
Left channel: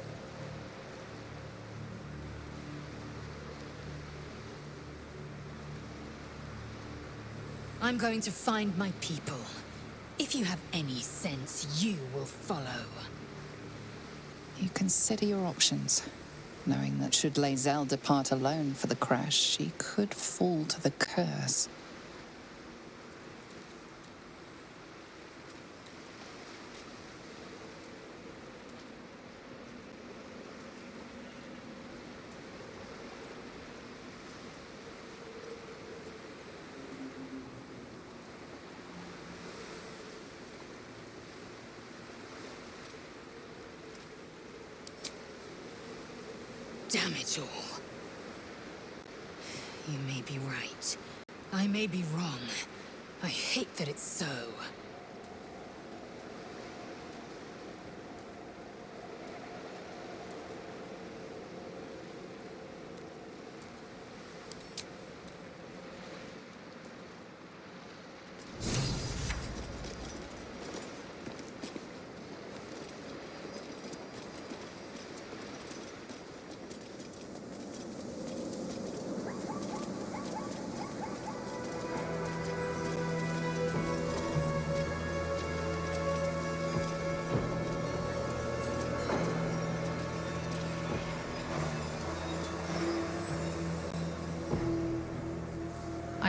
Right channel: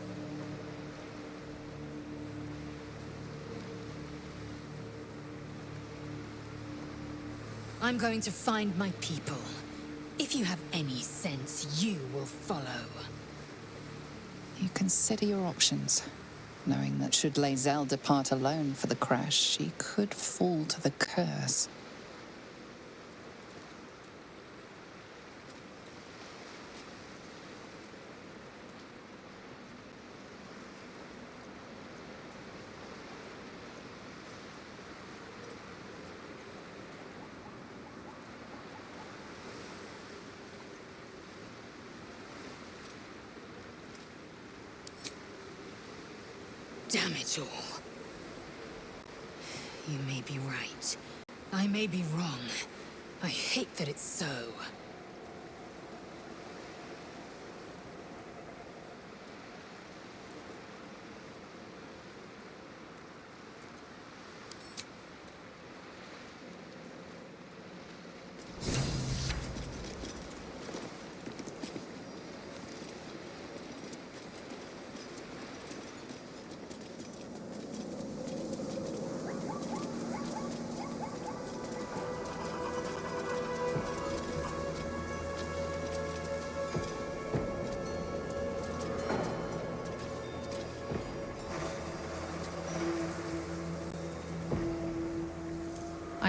I'm going to find my people. If you have any sense, you will follow. You consider your options, knowing that should Lae'zel depart alone for the crash, she could fall to the curse. Damn it all. You may be right. I may be wrong. I hate that it's so.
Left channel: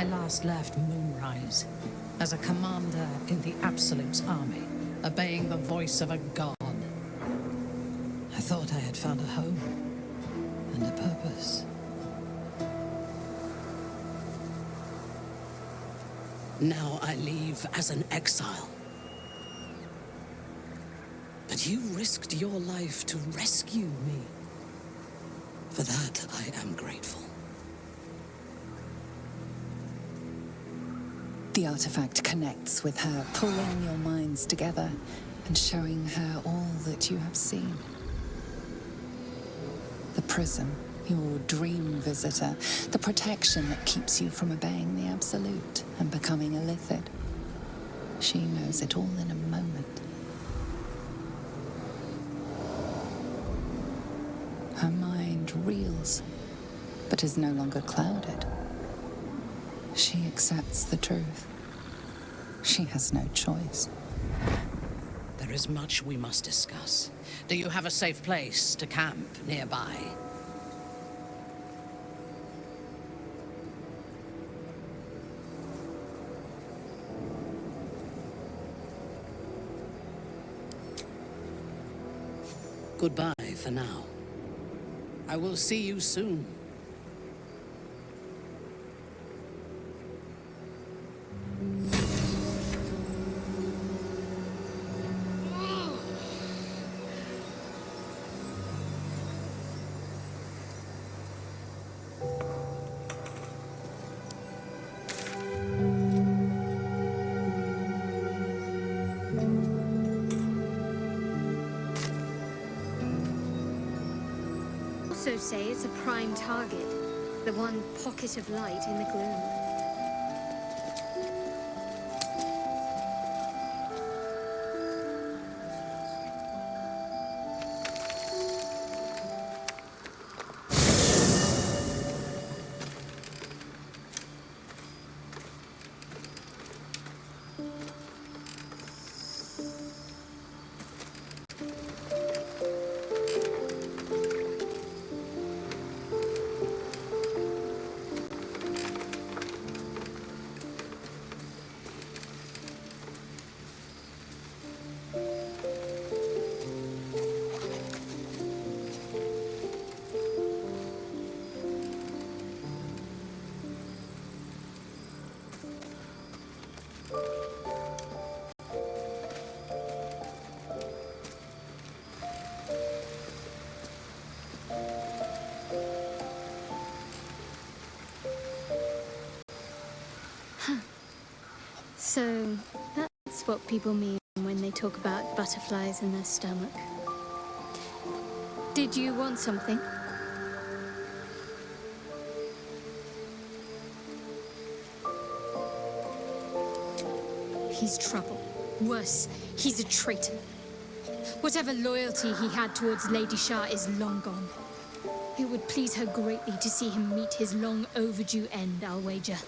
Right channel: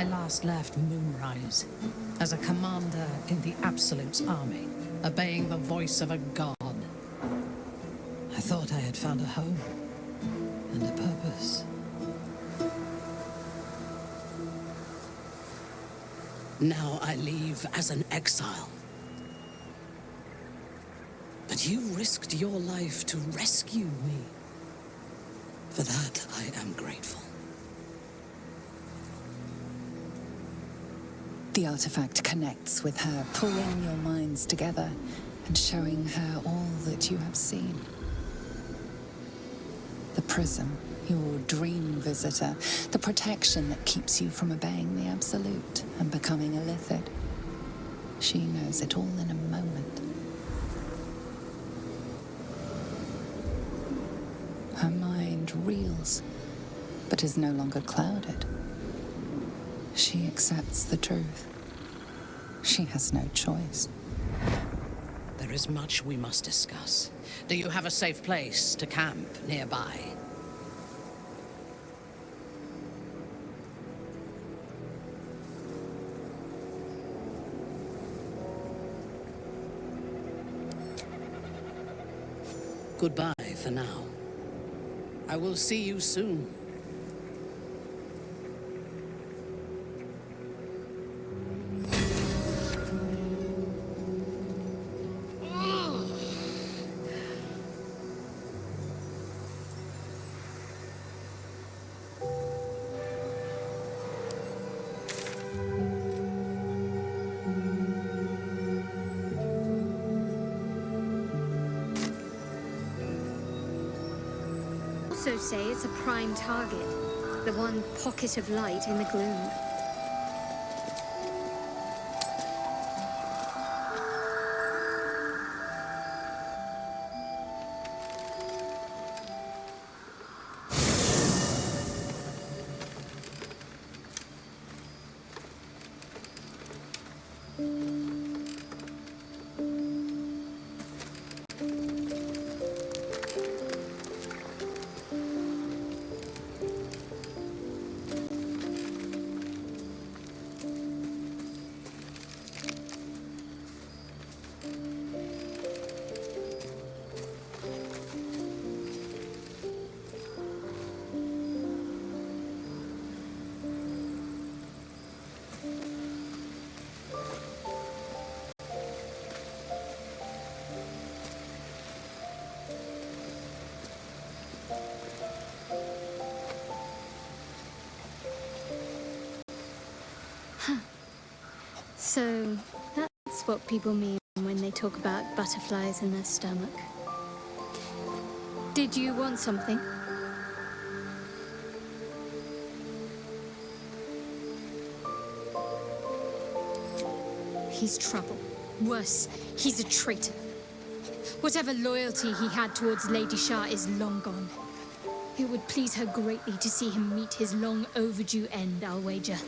I last left Moonrise as a commander in the Absolute's army, obeying the voice of a god. I thought I had found a home and a purpose. Now I leave as an exile. But you risked your life to rescue me. For that, I am grateful. The artifact connects with her, pulling your minds together and showing her all that you have seen. The prism, your dream visitor, the protection that keeps you from obeying the Absolute and becoming a Lithid. She knows it all in a moment. Her mind reels, but is no longer clouded. She accepts the truth. She has no choice. There is much we must discuss. Do you have a safe place to camp nearby? Goodbye for now. I will see you soon. Also say it's a prime target, the one pocket of light in the gloom. So, that's what people mean when they talk about butterflies in their stomach. Did you want something? He's trouble. Worse, he's a traitor. Whatever loyalty he had towards Lady Shah is long gone. It would please her greatly to see him meet his long overdue end, I'll wager.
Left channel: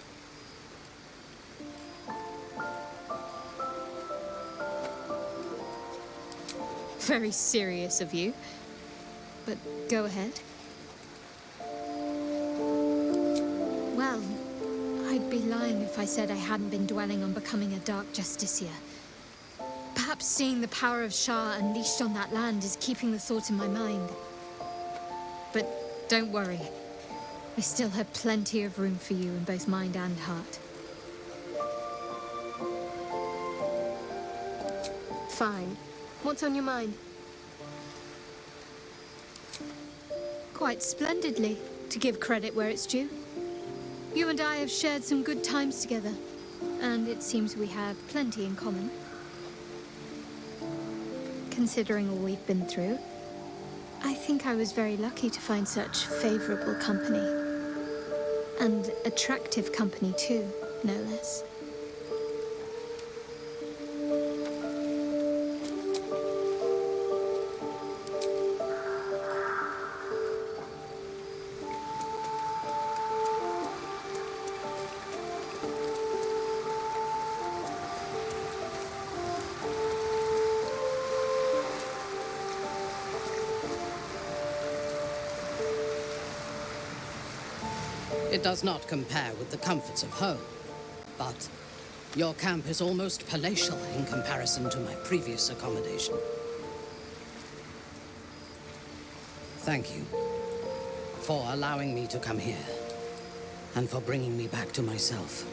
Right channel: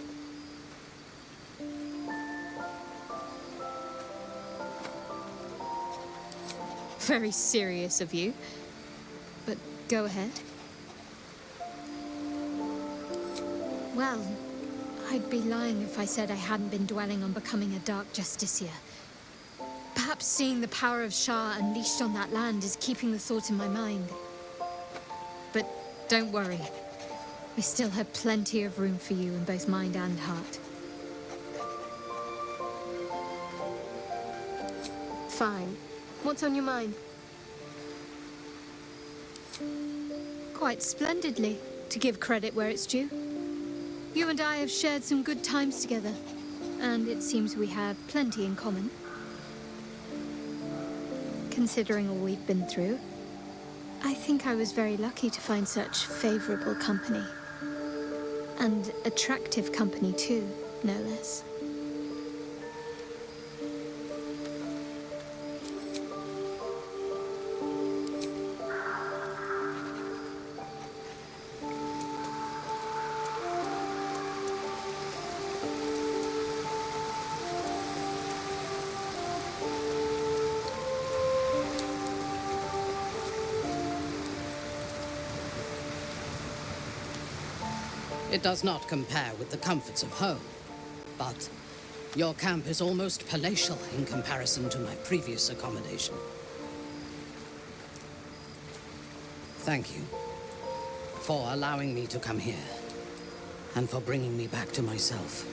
Very serious of you, but go ahead. Well, I'd be lying if I said I hadn't been dwelling on becoming a Dark Justiciar. Perhaps seeing the power of Shah unleashed on that land is keeping the thought in my mind. But don't worry. I still have plenty of room for you in both mind and heart. Fine. What's on your mind? Quite splendidly, to give credit where it's due. You and I have shared some good times together, and it seems we have plenty in common. Considering all we've been through, I think I was very lucky to find such favorable company. And attractive company too, no less. It does not compare with the comforts of home, but your camp is almost palatial in comparison to my previous accommodation. Thank you for allowing me to come here, and for bringing me back to myself.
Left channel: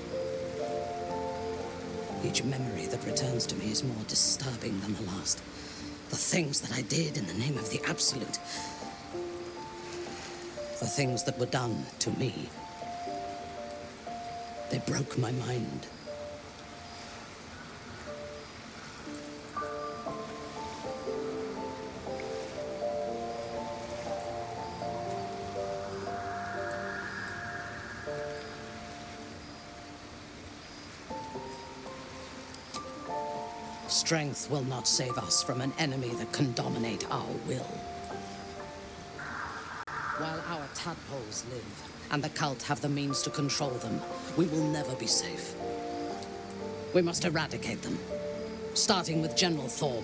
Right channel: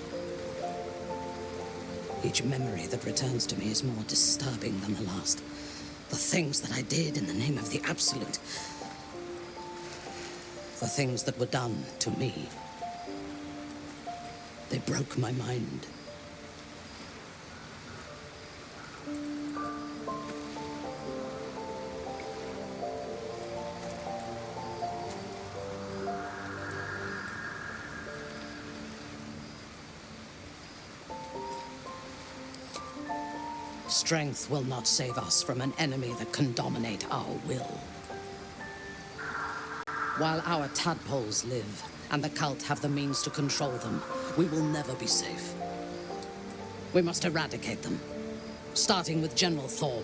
Each memory that returns to me is more disturbing than the last. The things that I did in the name of the Absolute. The things that were done to me. They broke my mind. Strength will not save us from an enemy that can dominate our will. While our tadpoles live, and the cult have the means to control them, we will never be safe. We must eradicate them, starting with General Thorm.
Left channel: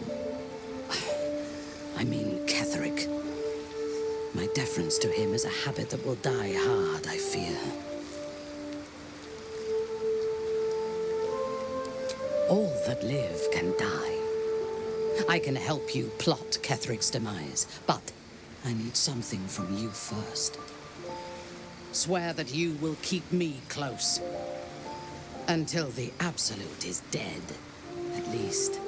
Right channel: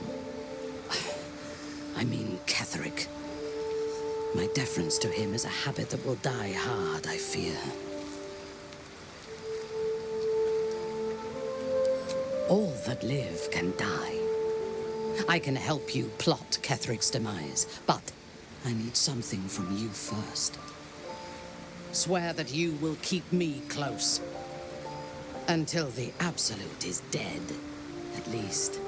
I mean Ketheric. My deference to him is a habit that will die hard, I fear. All that live can die. I can help you plot Ketheric's demise, but I need something from you first. Swear that you will keep me close. Until the Absolute is dead, at least.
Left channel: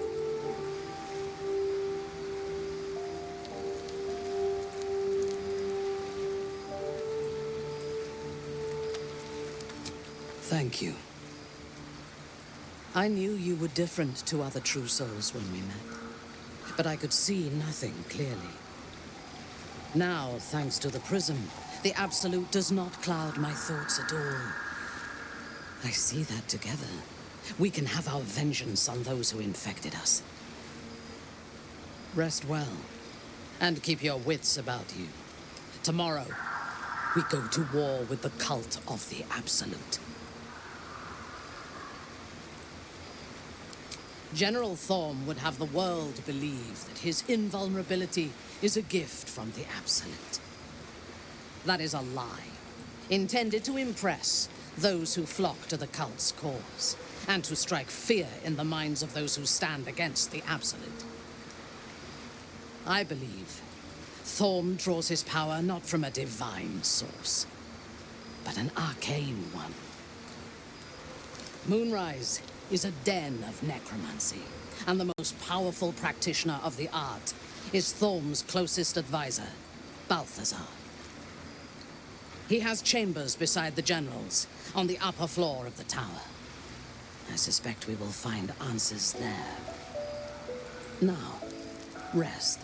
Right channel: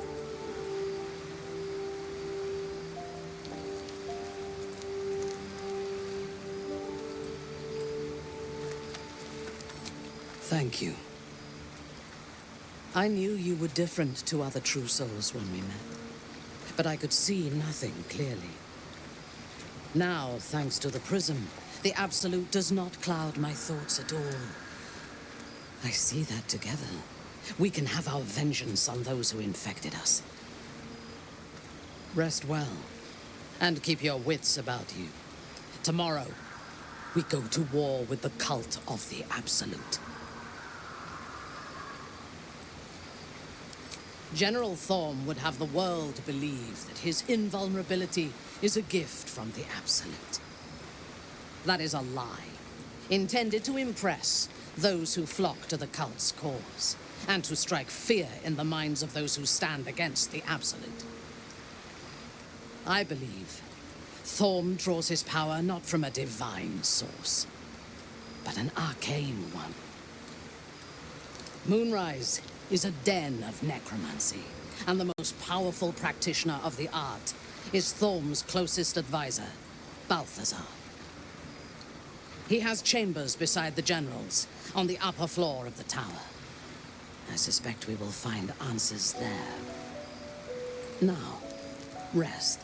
Thank you. I knew you were different to other true souls when we met, but I could see nothing clearly. Now, thanks to the prism, the Absolute does not cloud my thoughts at all. I see that together, we can have our vengeance on those who infected us. Rest well, and keep your wits about you. Tomorrow, we go to war with the cult of the Absolute. General Thorm would have the world believe that his invulnerability is a gift from the Absolute. That is a lie, intended to impress those who flock to the cult's cause, and to strike fear in the minds of those who stand against the Absolute. I believe Thorm draws his power not from a divine source, but an arcane one. Moonrise is a den of necromancy, and the most powerful practitioner of the art is Thorm's closest advisor, Balthazar. He has chambers beside the generals, on the upper floor of the tower. I suspect we will find answers there. Now, rest.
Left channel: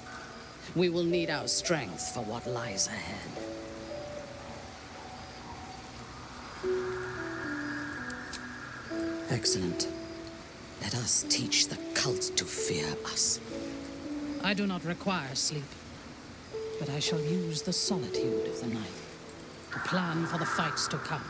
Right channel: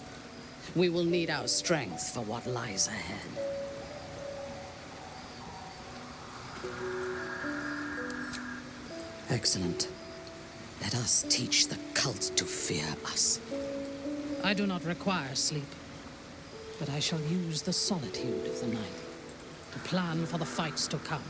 We will need our strength for what lies ahead. Excellent. Let us teach the cult to fear us. I do not require sleep, but I shall use the solitude of the night to plan for the fights to come.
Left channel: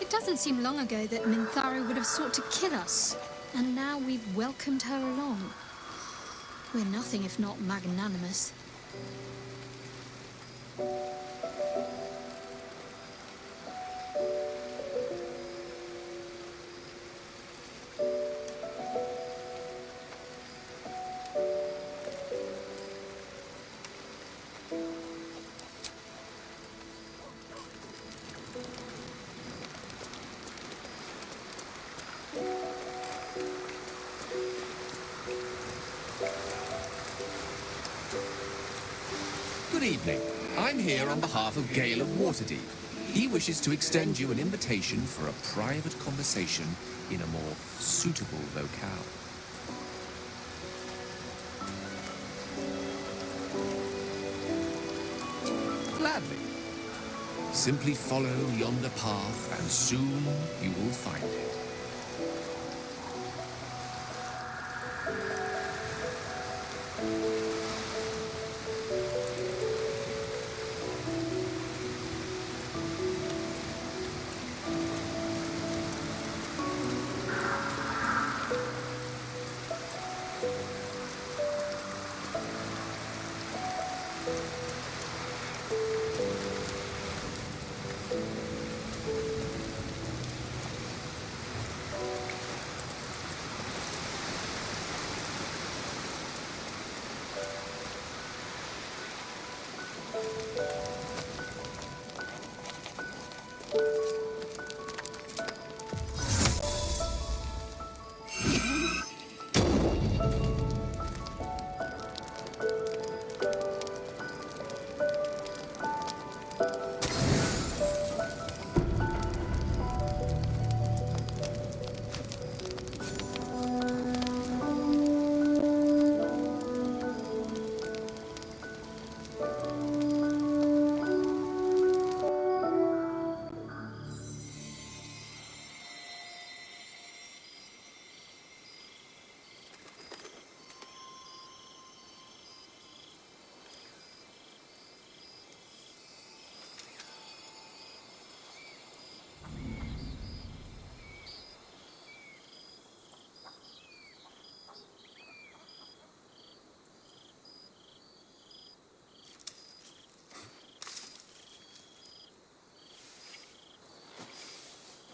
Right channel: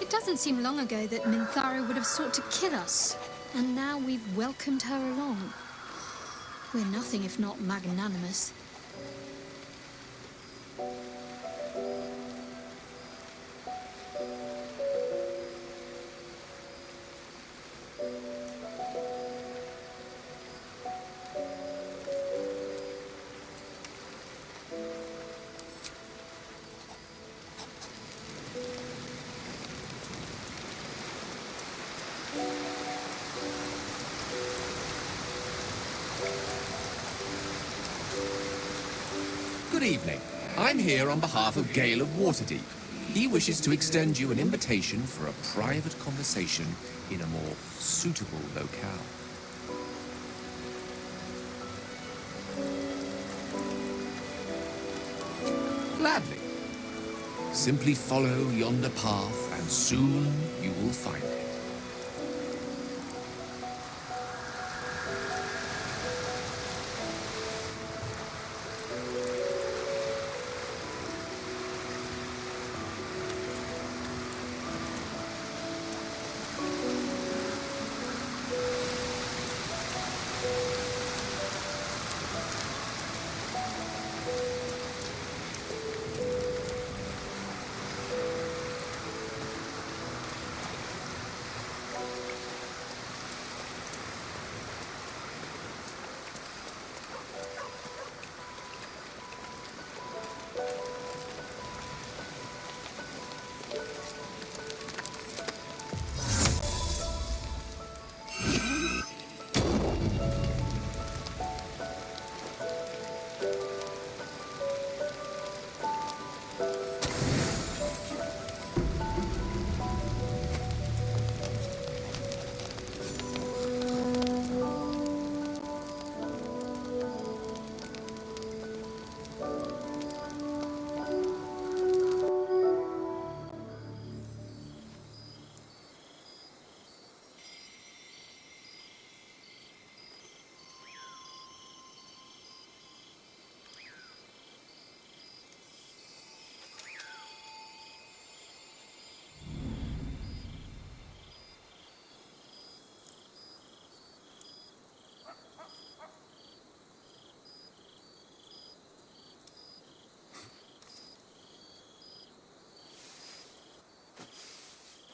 It doesn't seem long ago that Minthara would have sought to kill us, and now we've welcomed her along. We're nothing if not magnanimous. Good evening. I'm here on behalf of Gale of Waterdeep. He wishes to extend you an invitation for a private conversation in a more suitable locale. Gladly. Simply follow yonder path, and soon you will find it.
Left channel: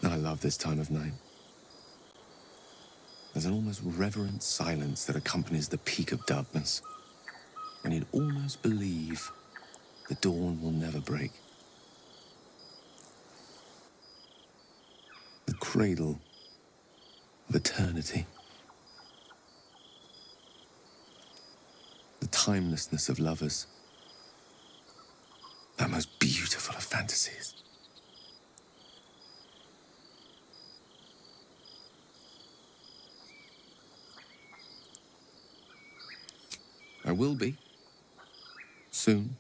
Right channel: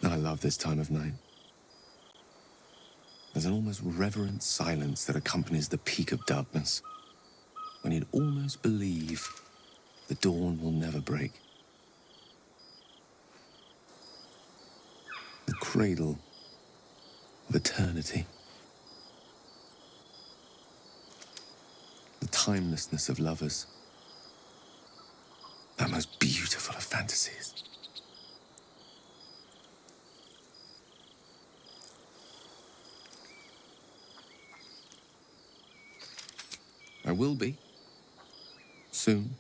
I love this time of night. There's an almost reverent silence that accompanies the peak of darkness, and you'd almost believe the dawn will never break. The cradle of eternity. The timelessness of lovers. That most beautiful of fantasies. I will be. Soon.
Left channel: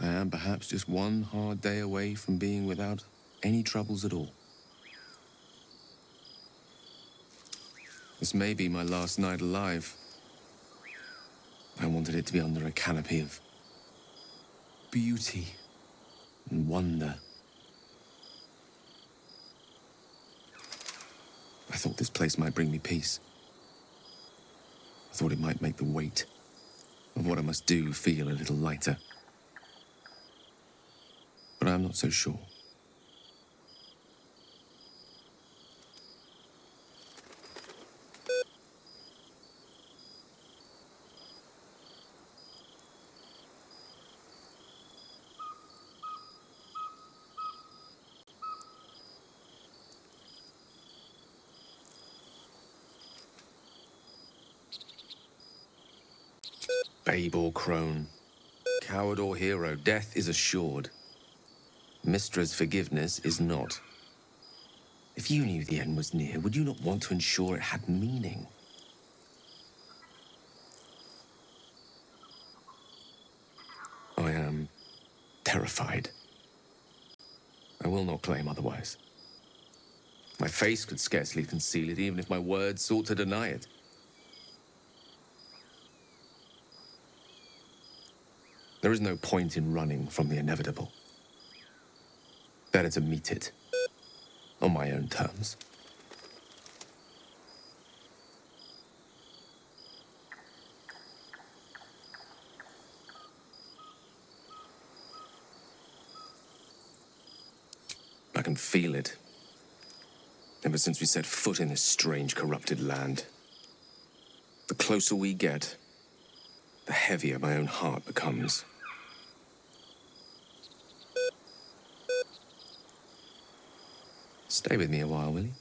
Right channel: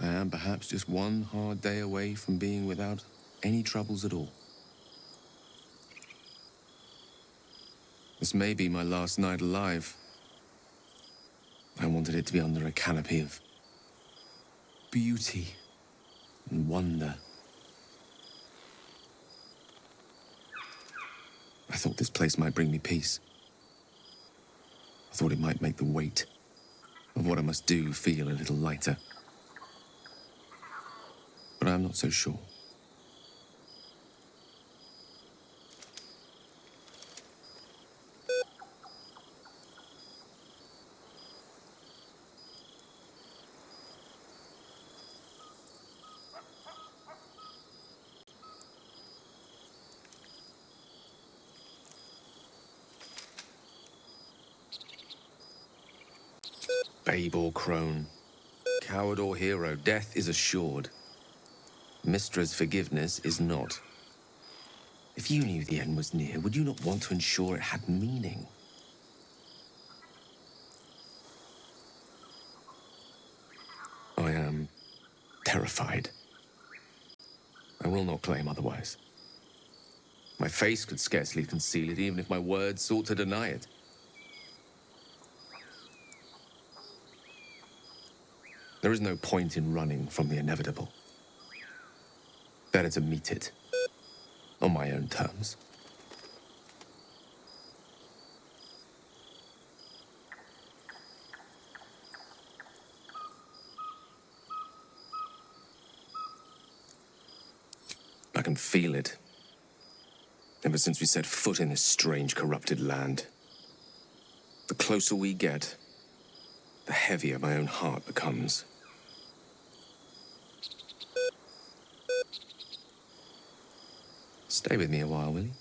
I am perhaps just one hard day away from being without any troubles at all. This may be my last night alive. I wanted it to be under a canopy of beauty and wonder. I thought this place might bring me peace. I thought it might make the weight of what I must do feel a little lighter. But I'm not so sure. Babe or crone, coward or hero, death is assured. Mystra's forgiveness is not. If you knew the end was near, would you not want to ensure it had meaning? I am terrified. I will not claim otherwise. My face could scarcely conceal it, even if my words sought to deny it. There is no point in running from the inevitable. Better to meet it on my own terms. I can feel it. Ever since we set foot in this strange, corrupted land. The closer we get, the heavier my own heart becomes. Stay with me a while, will you?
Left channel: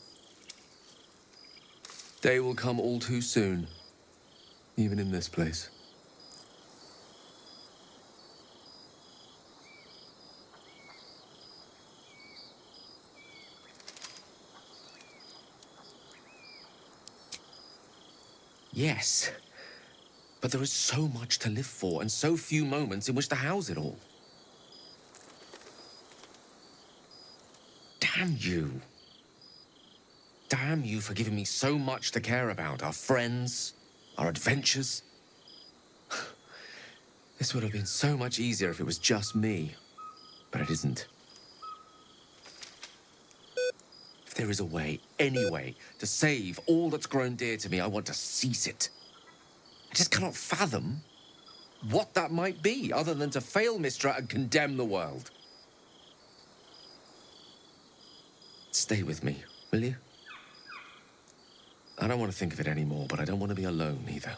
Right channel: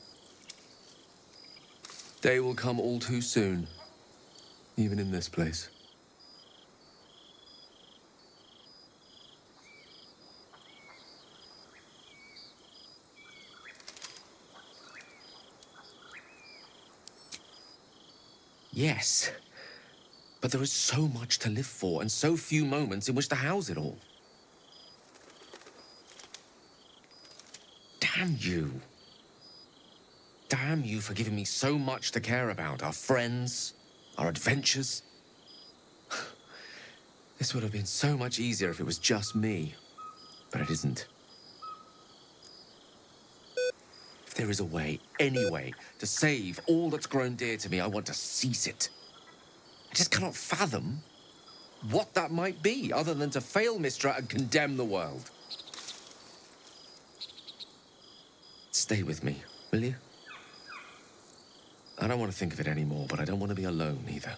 Day will come all too soon, even in this place. Yes, but there is so much to live for and so few moments in which to house it all. Damn you. Damn you for giving me so much to care about. Our friends, our adventures. This would have been so much easier if it was just me, but it isn't. If there is a way, any way, to save all that's grown dear to me, I want to seize it. I just cannot fathom what that might be, other than to fail Mystra and condemn the world. Stay with me, will you? I don't want to think of it anymore, but I don't want to be alone either.